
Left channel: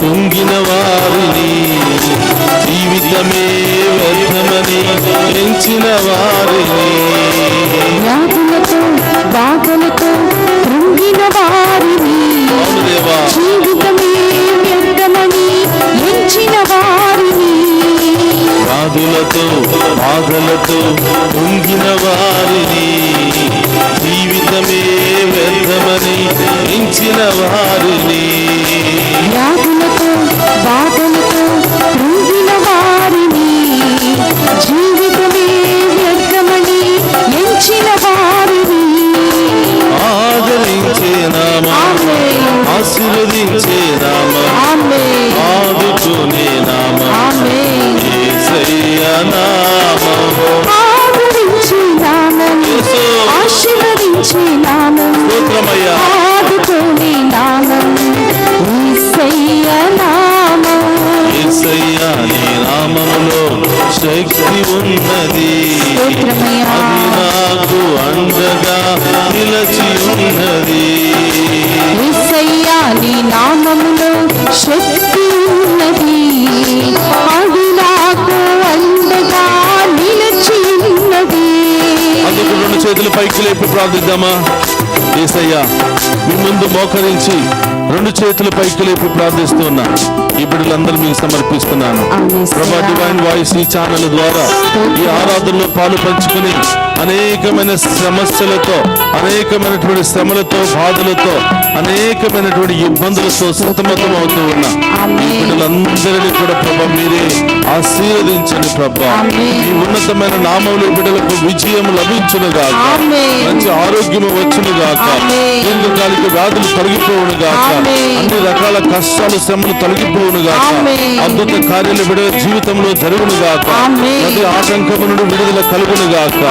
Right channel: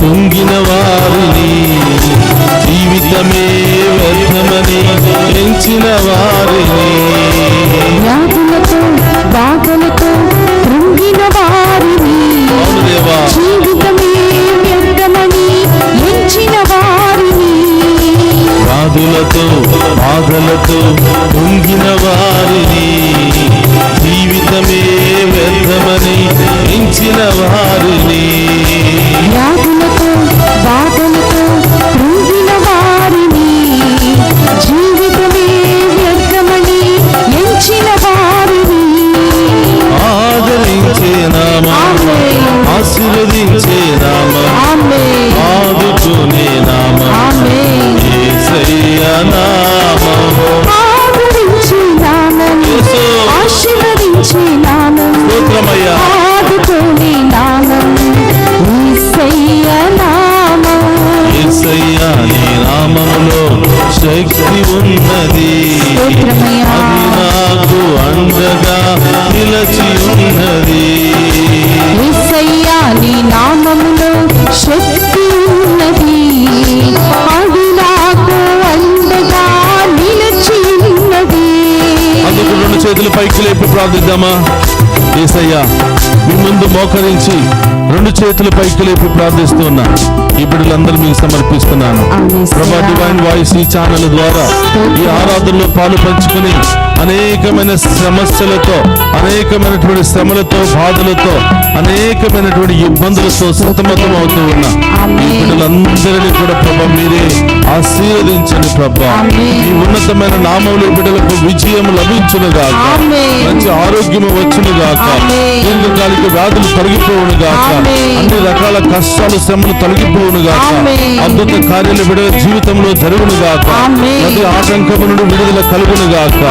కుంగిన వారిని, జీవితమే వ్యర్థమని ఎంచిన వారిని, వ్యాధులతో, బాధలతో కృంగిన వారిని, జీవితమే వ్యర్థమని ఎంచిన వారిని, వ్యాధులతో, బాధలతో కుంగిన వారిని, జీవితమే వ్యర్థమని ఎంచిన వారిని, వ్యాధులతో, బాధలతో కృంగిన వారిని, జీవితమే వ్యర్థమని ఎంచిన వారిని ఆదరించే నామం, ఆశీర్వదించే నామం, ఆదుకునే నామం, యేసయ్య నామం, ఆదరించే నామం, ఆశీర్వదించే నామం, ఆదుకునే నామం, యేసయ్య నామం. యేసయ్య నీ నామములో శక్తి ఉన్నది, అది నాకు అండగా నిలిచి ఉన్నది. యేసయ్య నీ నామములో శక్తి ఉన్నది, అది నాకు అండగా నిలిచి ఉన్నది. అందుకు రెండు చేతులు పైకి లేపి ప్రార్థిద్దామా? యేసయ్య మీ ముందు మోకరించి రెండు చేతులు పైకి లేపి ప్రార్థిస్తూ ఉన్నా ఈ బిడ్డలందరూ మీకు సమర్పిస్తున్నాను. ప్రభా డివైన్ వాయిస్ ఈ ఛానల్ ద్వారా ఈ ఆరాధనలో పాలు పంచుకుని అనేకమైన సమస్యలతో, అనేకమైనటువంటి శ్రమలతో, బాధలతో, అనేకమైనటువంటి ఇబ్బందులతో సతమతం అవుతూ ఉన్న ఈ బిడ్డలందరినీ కూడా ప్రభా మీరే ఆశీర్వదించండి ప్రభా. ఈ ఉన్నతమైన నామములు బిడ్డలకు విజయం లభించును గాక, మంచి ఆరోగ్యము వచ్చును గాక, దీర్ఘకాలిక వ్యాధులు తొలగిపోవును గాక, అన్ని రకాల కష్టాలు శ్రమలు తొలగిపోవును గాక, అద్భుత కార్యాలు బిడ్డల జీవితంలో జరుగును గాక, ప్రతి ఆటంకము నుండి విడుదల కలుగును గాక.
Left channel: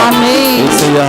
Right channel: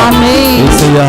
యేసయ్యా,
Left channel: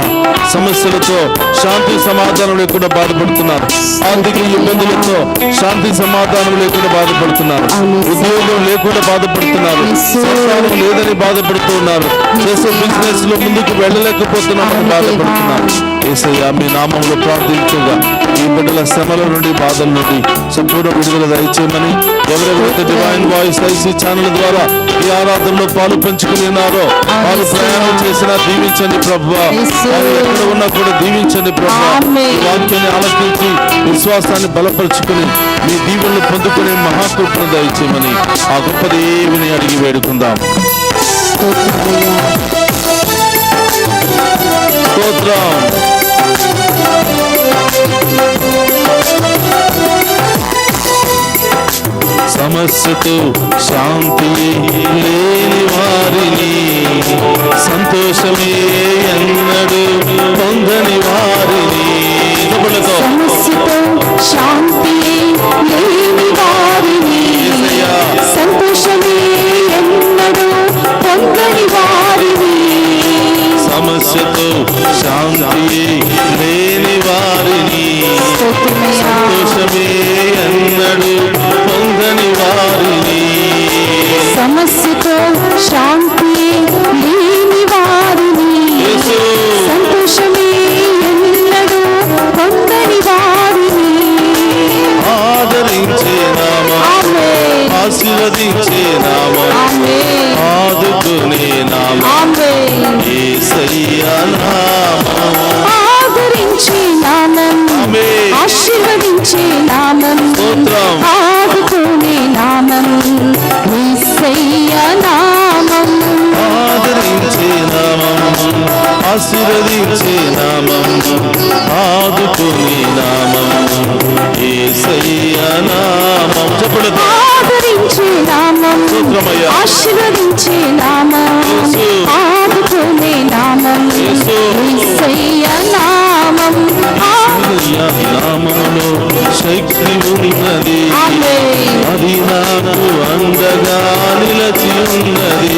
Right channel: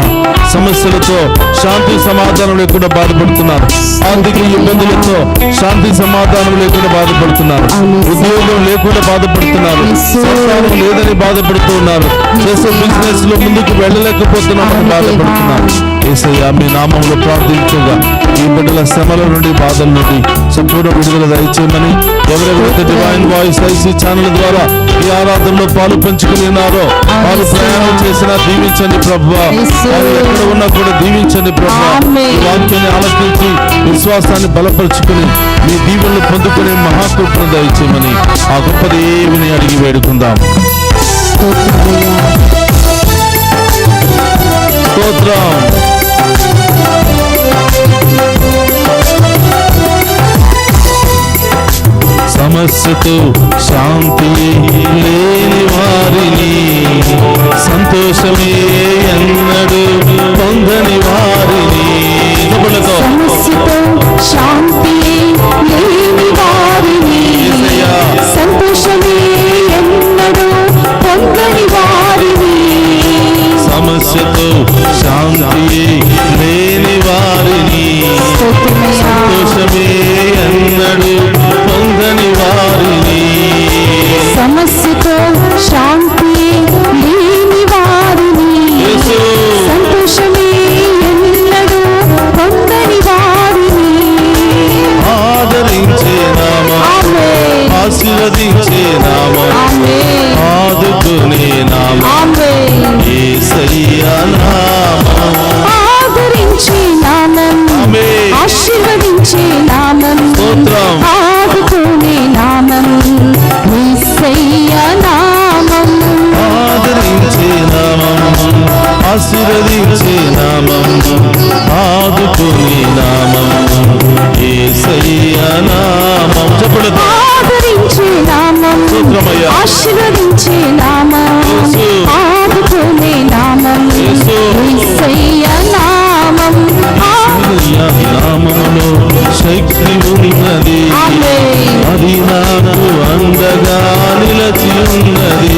సమస్యలతో శాంతి సమాధానం లేకుండా బాధపడుతున్నారు, ఆర్థిక ఇబ్బందులతో శాంతి సమాధానం లేకుండా బాధపడుతున్నారు, ఉద్యోగం లేకుండా బాధపడుతున్నారు, సంతానం లేదని బాధపడుతూ ఉన్నారు, చేసే బిజినెస్ లో ముందుకు వెళ్ళలేకపోతున్నామని బాధపడుతున్నారు. యేసయ్యా, మీ నామంలో ప్రార్థించగా ఈ బిడ్డల శ్రమల నుండి, బాధల నుండి సంపూర్ణ విడుదల దయచేయమని, ఎవరెవరైతే డివైన్ వాయిస్ ఐసీ ఛానల్ ద్వారా ఈ ఆరాధనలో పాలు పంచుకుని ఉన్నారో వారు ప్రయాణం చేసినా దీవించండి ప్రభువా, వారు ఎక్కడ ఉన్నా కూడా దీవించండి ప్రభువా. ఈ వాక్యాన్ని ఆలకించి విశ్వాసాన్ని బలపరుచుకుని మీ దీవెనలు పొందుకునే మహాకృపను దయచేయమని ఆ గొప్ప దేవుని అడిగి వేడుకుందాం. స్తోత్రం. సమస్యతో శాంతి లేని వారిని, సంతోషమే ఎన్నడూ పొందని వారిని, సమస్యతో శాంతి లేని వారిని, సంతోషమే ఎన్నడూ పొందని వారిని, సమస్యతో శాంతి లేని వారిని, సంతోషమే ఎన్నడూ పొందని వారిని, సమస్యతో శాంతి లేని వారిని, సంతోషమే ఎన్నడూ పొందని వారిని ఆదరించే నామం, ఆశీర్వదించే నామం, ఆదుకునే నామం, యేసయ్యా నామం, ఆదరించే నామం, ఆశీర్వదించే నామం, ఆదుకునే నామం, యేసయ్యా నామం, ఆదరించే నామం, ఆశీర్వదించే నామం, ఆదుకునే నామం, యేసయ్యా నామం. చెప్పండి. ఆదరించే నామం, ఆశీర్వదించే నామం, ఆదుకునే నామం, యేసయ్యా నామం. నామములో శక్తి ఉన్నది, అది నాకు అండగా నిలచి ఉన్నది.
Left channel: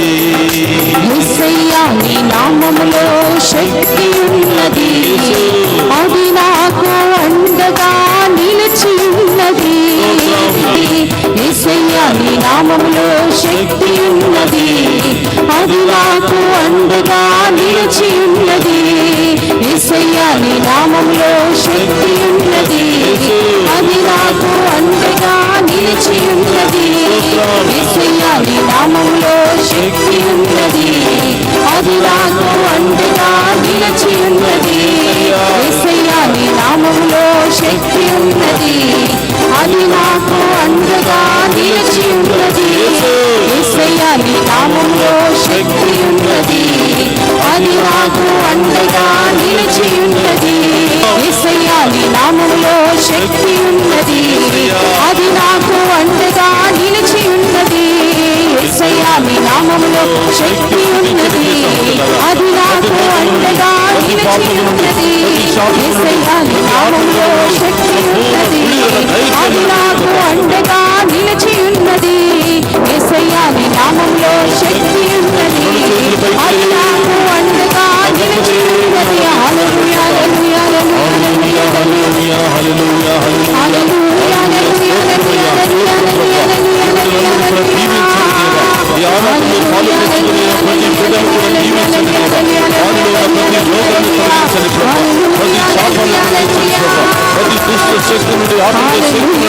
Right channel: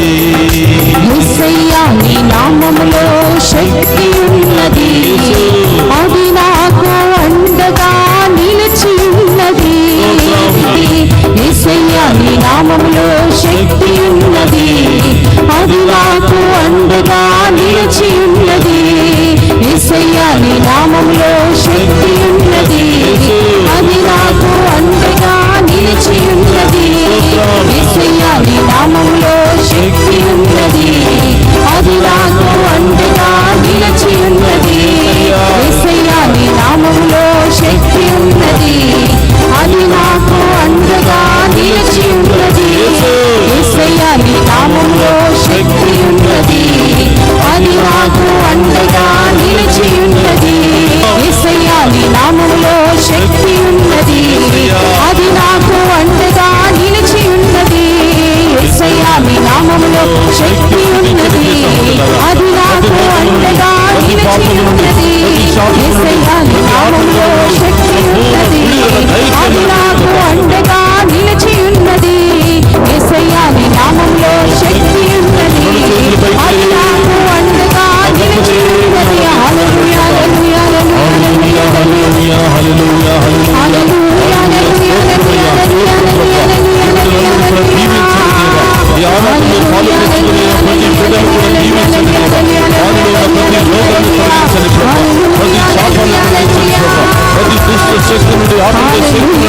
యేసయ్యా, నీ నామములో శక్తి ఉన్నది, అది నాకు అండగా నిలిచి ఉన్నది. యేసయ్యా, నీ నామములో శక్తి ఉన్నది, అది నాకు అండగా నిలిచి ఉన్నది. యేసయ్యా, నీ నామములో శక్తి ఉన్నది, అది నాకు అండగా నిలిచి ఉన్నది. యేసయ్యా, నీ నామములో శక్తి ఉన్నది, అది నాకు అండగా నిలిచి ఉన్నది. యేసయ్యా, నీ నామములో శక్తి ఉన్నది, అది నాకు అండగా నిలిచి ఉన్నది. యేసయ్యా, నీ నామములో శక్తి ఉన్నది, అది నాకు అండగా నిలిచి ఉన్నది. యేసయ్యా, నీ నామములో శక్తి ఉన్నది, అది నాకు అండగా నిలిచి ఉన్నది. యేసయ్యా, నీ నామములో శక్తి ఉన్నది, అది నాకు అండగా నిలిచి ఉన్నది. యేసయ్యా, నీ నామములో శక్తి ఉన్నది, అది నాకు అండగా నిలిచి ఉన్నది. యేసయ్యా, నీ నామములో శక్తి ఉన్నది, అది నాకు అండగా నిలిచి ఉన్నది. హల్లెలూయా, హల్లెలూయా, హల్లెలూయా, హల్లెలూయా, హల్లెలూయా, హల్లెలూయా, హల్లెలూయా, ఈ ఆరాధనలో పాల్గొనే ప్రతి బిడ్డను కూడా దీవించండి ప్రభా. వారిలో ఉన్న ప్రతి రోగాన్ని తొలగించండి ప్రభా. ప్రతి శాపాన్ని తొలగించండి ప్రభా. ప్రతి దుష్ట శక్తి నుండి, ఆత్మ శక్తి నుండి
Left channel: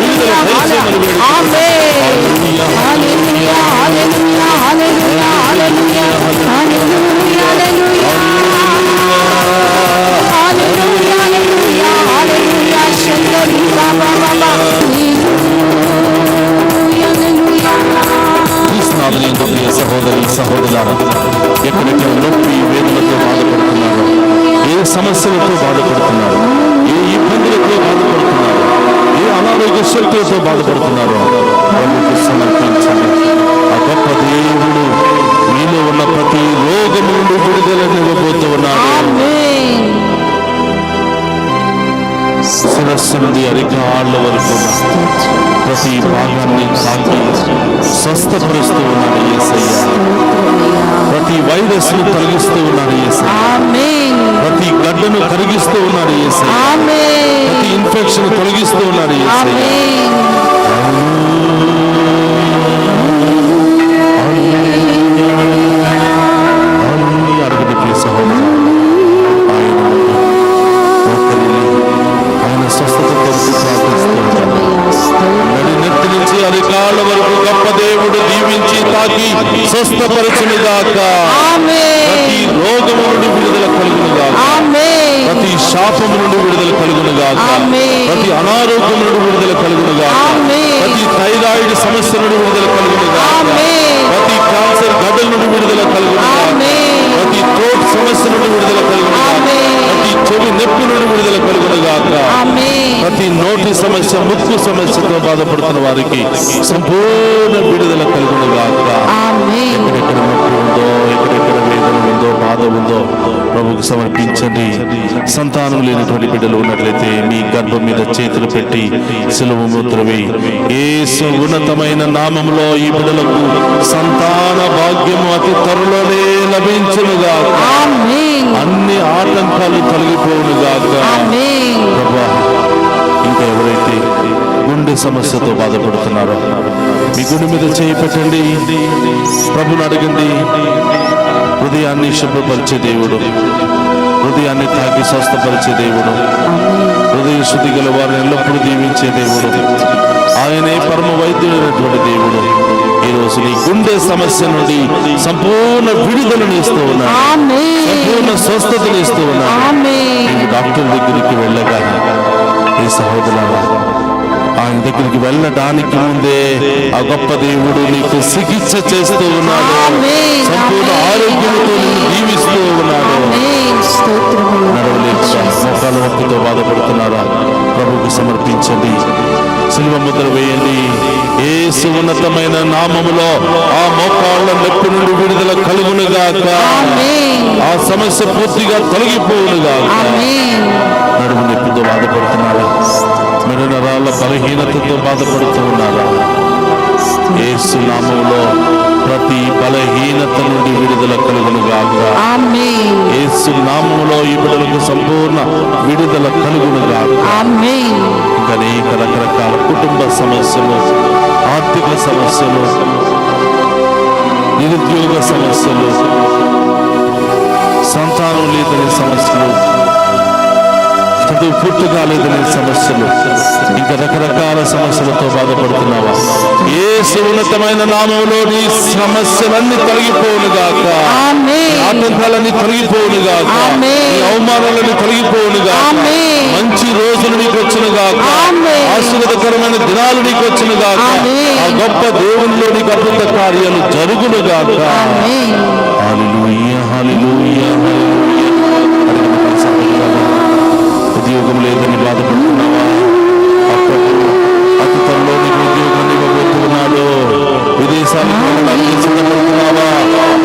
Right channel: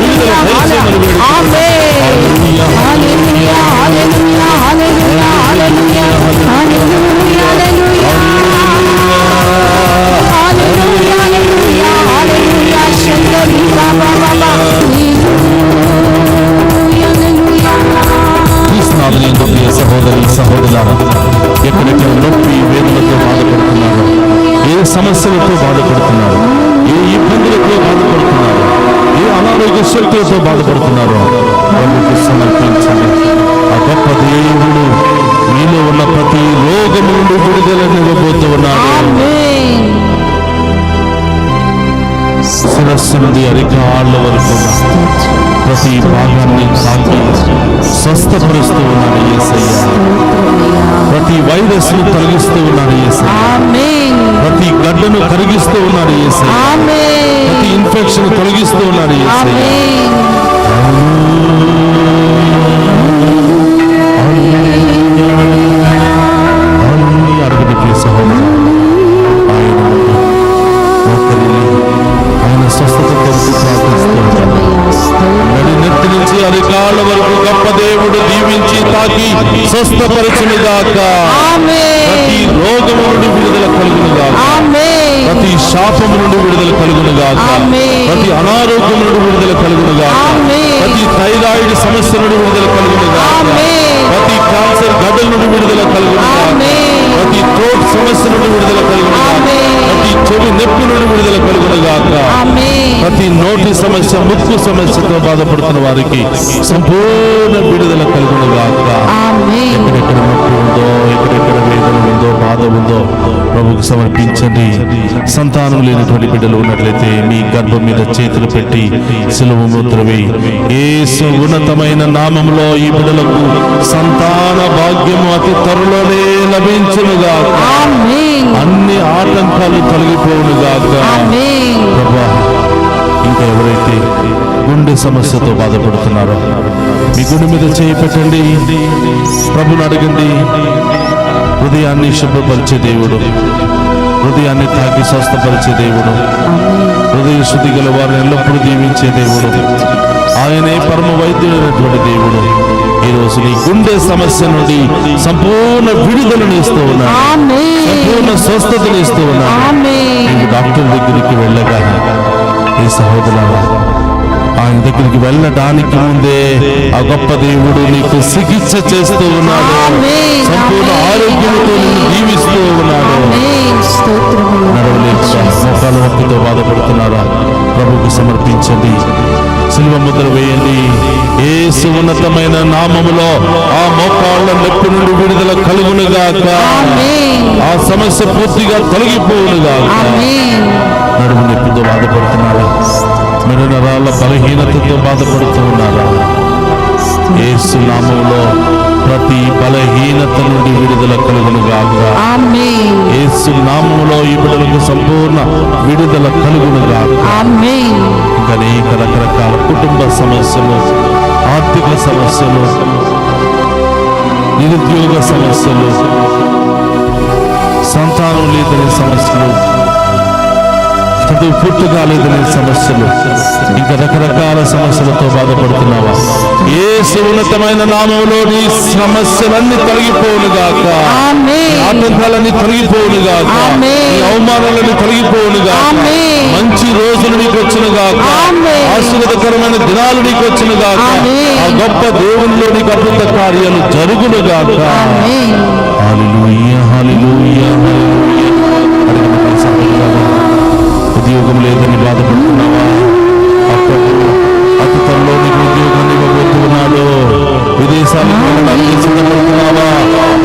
విడుదల దయచేయమని వేడుకుంటున్నాను. హల్లెలూయా, హల్లెలూయా, హల్లెలూయా, హల్లెలూయా, హల్లెలూయా, హల్లెలూయా, హల్లెలూయా, హల్లెలూయా, హల్లెలూయా, శంకరి బాబా బాబా, హల్లెలూయా. ఈ స్నానం ప్రియ సహోదరి సహోదరులారా, ఎక్కడెక్కడ నొప్పి వేదనతో బాధపడుతున్నారు, సమస్యలతో బాధపడుతున్నారు, ఏ ఇబ్బందులతో బాధపడుతున్నారు, ఏ అనారోగ్య శక్తులతో బాధపడుతున్నారో ప్రభుకు సమర్పించండి. ఆ గొప్ప దేవుడు మీలో ఉన్న ప్రతి రోగము నుండి విడుదలనివ్వబోతూ ఉన్నాడు. శిరస్సు నుండి అరికాళ్ళ వరకు ప్రతి భాగాన్ని తాకి స్వస్థపరుస్తూ ఉన్నాడు యేసయ్య. ప్రతి వైరస్ ను తొలగిస్తూ ఉన్నాడు యేసయ్య. ప్రతి గడ్డను కరిగిస్తూ ఉన్నాడు యేసయ్య. ప్రతి ఇన్ఫెక్షన్ తొలగిస్తూ ఉన్నాడు యేసయ్య. అడుగుడి సహోదరు, ఆయన స్వస్థత కొరకు ప్రార్థిస్తూ నెత్తి నుంచి అరికాళ్ళ వరకు గొప్ప దేవుడు దీవించి తాకి స్వస్థపరచునుగాక. ప్రతి రోగము నుండి విడుదల కలుగునుగాక. ప్రతి శాపము నుండి విడుదల కలుగునుగాక. ప్రతి అనారోగ్యం నుండి విడుదల కలుగునుగాక. ప్రతి థైరాయిడ్ సమస్య నుండి విడుదల కలుగునుగాక. ప్రతి క్యాన్సర్ గడ్డల నుండి విడుదల కలుగునుగాక. ప్రతి థ్రోట్ సమస్య నుండి విడుదల కలుగునుగాక. ప్రతి చెవి నొప్పి నుండి విడుదల కలుగునుగాక. ప్రతి నోటి సమస్య, ముక్కు సమస్యతో బాధపడుతున్న వారికి సంపూర్ణ విడుదల కలుగునుగాక. ఎక్కడెక్కడ నొప్పి ఉందో, ఎక్కడెక్కడ వేదన ఉందో, బాధ ఉందో ప్రభుకు సమర్పించండి. సంతానం లేనటువంటి బిడ్డలు ఉన్నట్లయితే మీ గర్భం మీద చేతులు పెట్టి సిలువ ముద్ర వేయి. యేసు ఉన్నతమైన నామములో ఈ బిడ్డలకు సంతాన భాగ్యము అతి త్వరలోనే లభించునుగాక. అన్ని ఆటంకాలు తొలగిపోవునుగాక. ప్రభువా, ఇంకా ఎవరైతే గుండె సమస్యతో బాధపడుతున్నారో మీ గుండె మీద చేయి పెట్టండి. ప్రభుని అడగండి. హృదయాన్ని శుభ్రపరిచే దేవుడు, హృదయాన్ని తాకి స్వస్థపరిచే దేవుడు, హృదయ శుద్ధి గల వారిని ఎల్లప్పుడూ దీవించే దేవుడు, ఆయనే పరమ వైద్యుడైనటువంటి దేవుడు ఈ రోజు నీ గుండె సమస్య నుండి సంపూర్ణ విడుదలను ఇస్తూ ఉన్నాడు, సంపూర్ణ స్వస్థతను ఇస్తూ ఉన్నాడు. నీవు డాక్టర్ దగ్గరికి వెళ్ళగా ఈ సహోదరులారా, ఆయన దగ్గరికి వెళ్ళడానికి ముందే ఆ గొప్ప దేవుడు నీకు చికిత్స చేస్తూ ఉన్నాడు. సంపూర్ణ ఆరోగ్యంతో నిన్ను దీవిస్తూ ఉన్నాడు. నడవలేక మోకాల నొప్పితో బాధపడుతున్నారా? ప్రభుకు సమర్పించండి. సిలువ ముద్ర వేయండి. యేసు ఉన్నతమైన నామములో ఆ మోకాళ్ళ నొప్పి నుండి విడుదల కలుగునుగాక. ఆ సమస్య పూర్తిగా తొలగిపోవునుగాక. నడుము నొప్పితో బాధపడుతున్నారా? మెడ నరాల బలహీనతతో బాధపడుతూ ఉన్నారా? యేసు నామములో ప్రతి బలహీనత నుండి విడుదల కలుగునుగాక. యేసు నామములో ఈ బిడ్డలకు సంపూర్ణ విడుదల కలుగునుగాక. ఇంకా అనేక రకరకాల కుటుంబ సమస్యలు, ఆర్థిక సమస్యలు, నిరుద్యోగ సమస్యలు, సంతానం లేదనే సమస్యలు, చదువు పూర్తి కాలేదనే సమస్యలు, ఇంకా రకరకాల సమస్యలతో బాధపడుతున్నావా? యేసు ఉన్నతమైన నామములో నీ సమస్యలన్నీ తొలగిపోవునుగాక. ఆటంకాలన్నీ తొలగిపోవునుగాక. నీ అవమానాలన్నీ తొలగిపోవునుగాక. మంచి రోజులు నీకు వచ్చునుగాక. ఆశీర్వాదకరమైన దినాలు నీకు వచ్చునుగాక. ఆ గొప్ప దేవునిలో నీకు అద్భుత కార్యాలు జరుగునుగాక. హల్లెలూయా, హల్లెలూయా, హల్లెలూయా. ఉద్యోగం లేదని బాధపడుతున్నావా? అతి త్వరలో నీకు ఉద్యోగాన్ని ఇవ్వబోతున్నాడు. విదేశాలకు వెళ్ళడానికి సిద్ధపడుతున్నావా?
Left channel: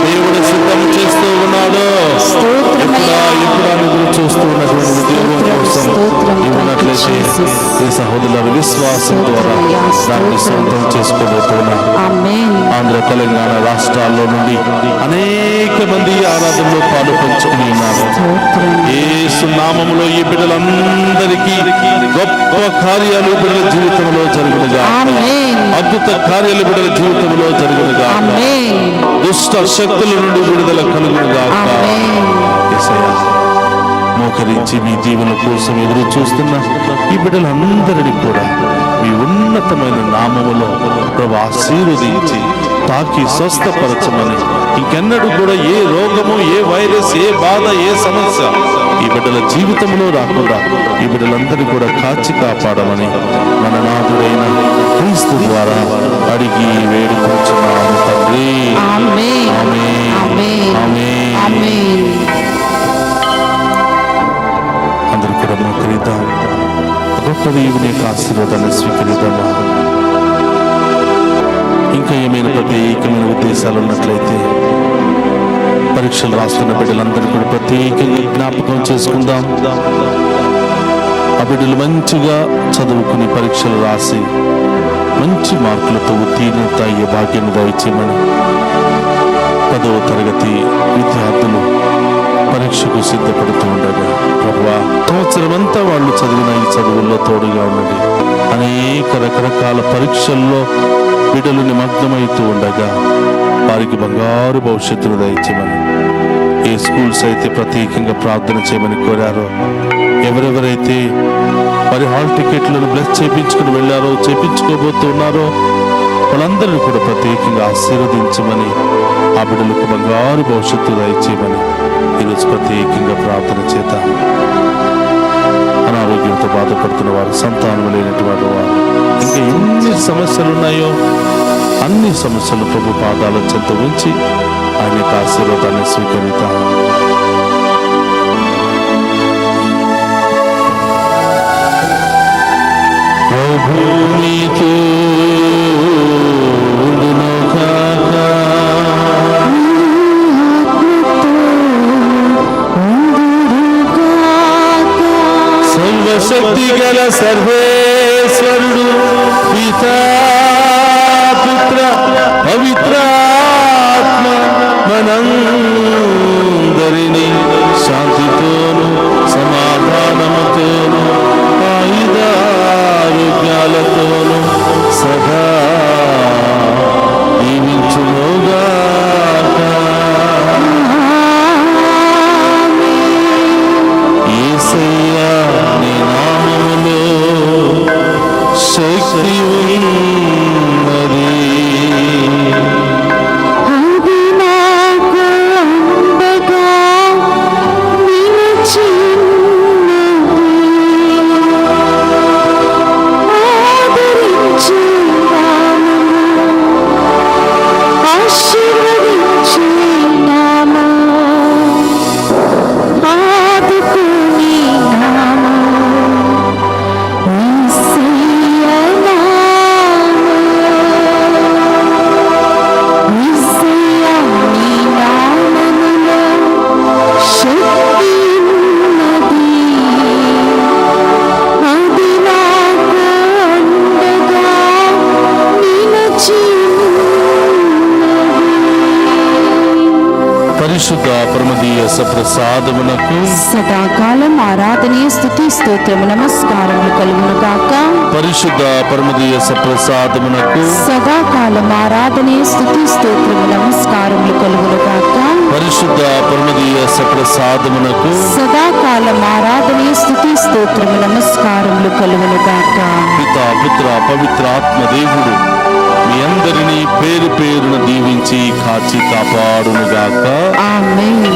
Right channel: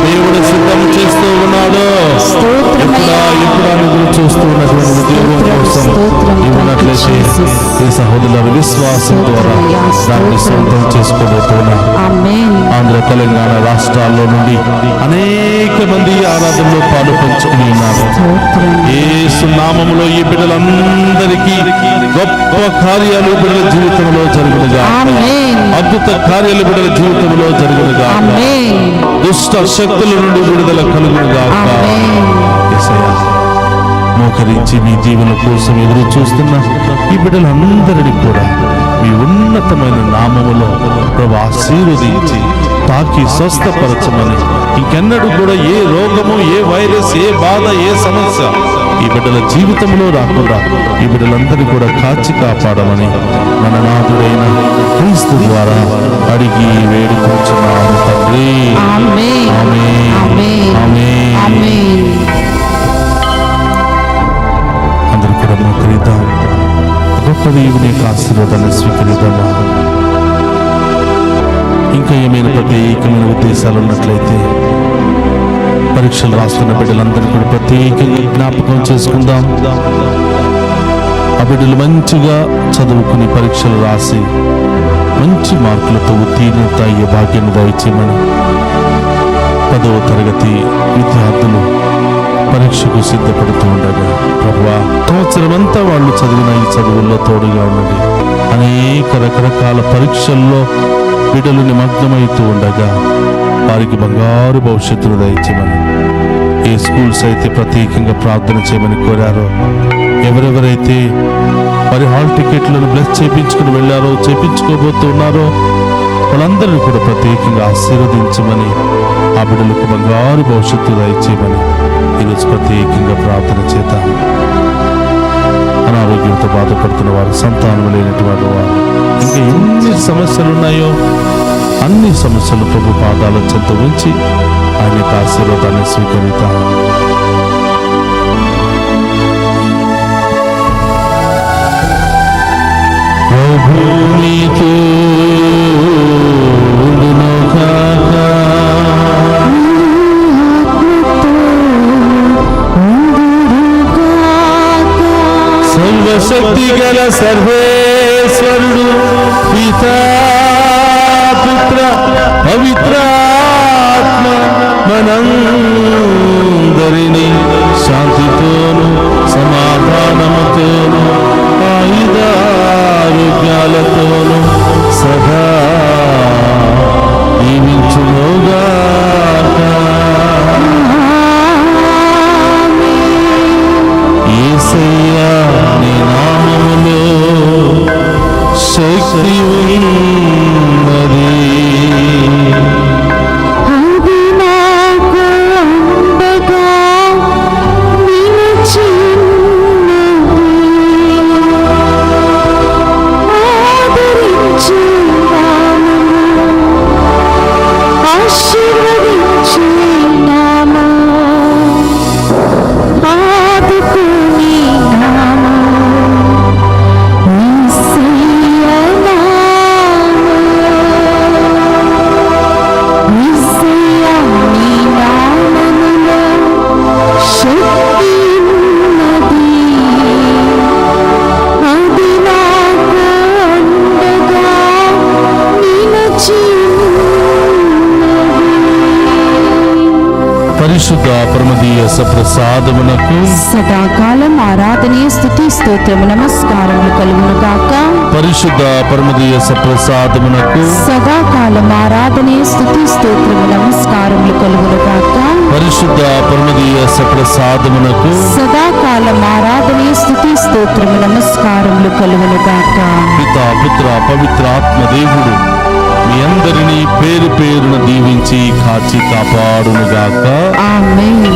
దేవుడు సిద్ధం చేస్తూ ఉన్నాడు. ఎప్పుడా ఎదురు చూస్తూ ఉన్నటువంటి ఉద్యోగం కోసం ఇవ్వనట్లయితే ఈ సహోదరుల విశ్వాసం ద్వారా దాన్ని సొంతం చేసుకోబోతున్నా. ఆంధ్ర, తెలంగాణ రాష్ట్రాల్లో నుండి అనేక మంది ఆరాధనలో పాలు పంచుకుని ఉన్నారు. యేసు నామములో ఈ బిడ్డలందరికీ గొప్ప కార్యాలు బిడ్డల జీవితంలో జరుగునుగాక. అద్భుత కార్యాలు బిడ్డల జీవితంలో జరుగునుగాక. దుష్ట శక్తుల నుండి విడుదల కలుగునుగాక. మోకరించి మీ జీవన కోసం ఎదురు చూస్తున్న ఈ బిడ్డలందరినీ కూడా మీ ఉన్నతమైన నామములో ప్రభు ఆశీర్వదించి తాకి స్వస్థపరచమని, ఇంకెన్నడూ కూడా ఏ రోగము, ఏ వైరస్, ఏ బాధ, ఏ సమస్య ఈ బిడ్డల జీవితంలో రాకుండా ఈ బిడ్డలందరినీ కూడా కాచి కాపాడమని మన నాథుడైన క్రీస్తు ద్వారా అడిగి వేడుకొంచున్నాము తండ్రి. ఆమేన్, ఆమేన్, ఆమేన్. ఆశీర్వాదాన్ని స్వీకరిద్దామా? ఇంకా ఏమైనా ప్రత్యేకమైన ఉద్దేశాలు ఉన్నట్లయితే పరీక్షలు రాస్తున్న బిడ్డలందరూ కూడా ప్రత్యేకంగా జ్ఞాపకం చేసుకుందాం. ఆ బిడ్డలు మంచిగా చదువుకుని పరీక్షలు రాసి మంచి మార్కులతో ఉత్తీర్ణత అయ్యే భాగ్యాన్ని దయచేయమని 10వ తరగతి విద్యార్థులు పరీక్షకు సిద్ధపడుతూ ఉండగా ప్రభువా, సంవత్సరమంతా వాళ్ళు చదివిన ఈ చదువుల్లో తోడుగా ఉండండి. అనేక రకరకాల పరీక్షల్లో బిడ్డలు నిమగ్నమవుతూ ఉండగా వారికి బంగారు భవిష్యత్తును దయచేయమని, ఏ స్కూల్స్ అయితే ప్రత్యేకంగా ప్రార్థన చేయమని కోరారో, ఎవరెవరైతే వారి హాల్ టికెట్లను బ్లెస్ చేయించుకుని వెళ్ళారో, చేయించుకోబోతున్నారో వాళ్ళందరినీ కూడా ప్రత్యేకంగా ఆశీర్వదించమని, ఆ బిడ్డలకు బంగారు భవిష్యత్తు దయచేయమని ఈరోజు ప్రత్యేకంగా ప్రార్థన చేద్దాం. అనారోగ్యంతో బాధపడుతున్న వారు, సంతానం లేనటువంటి వారు, ఇంకా ఎన్ని సమస్యలు ఉన్నాయో అన్ని సమస్యలు ప్రభు పాదాల చెంత ఉంచి ఆయన యొక్క ఆశీర్వాదాన్ని స్వీకరిద్దాం. ప్రభునితో సర్వశక్తి గల సర్వేశ్వరుడు పితా పుత్ర పవిత్రాత్మ మనందరినీ శాంతితోను సమాధానముతోను ఆయుధారోగ్యాలతోను సదా దీవించునుగాక. యేసయ్యా, నీ నామములో శక్తి ఉన్నది. పరిశుద్ధ పరమదీయ సప్రసాదమునకు సదాకాలం ఆరాధనీయ స్తుతి స్తోత్రము నమస్కారములు కలుగును గాక. పరిశుద్ధ పరమదీయ సప్రసాదమునకు సదాకాలం ఆరాధనీయ స్తుతి స్తోత్రము నమస్కారములు కలుగును గాక. పరిశుద్ధ పరమదీయ సప్రసాదమునకు సదాకాలం ఆరాధనీయ స్తుతి స్తోత్రము నమస్కారములు కలుగును గాక. పితా పుత్ర పవిత్రాత్మ దేవుడు మీ అందరినీ పేరు పేరున దీవించి కాచి కాపాడునుగాక. ఆమేన్.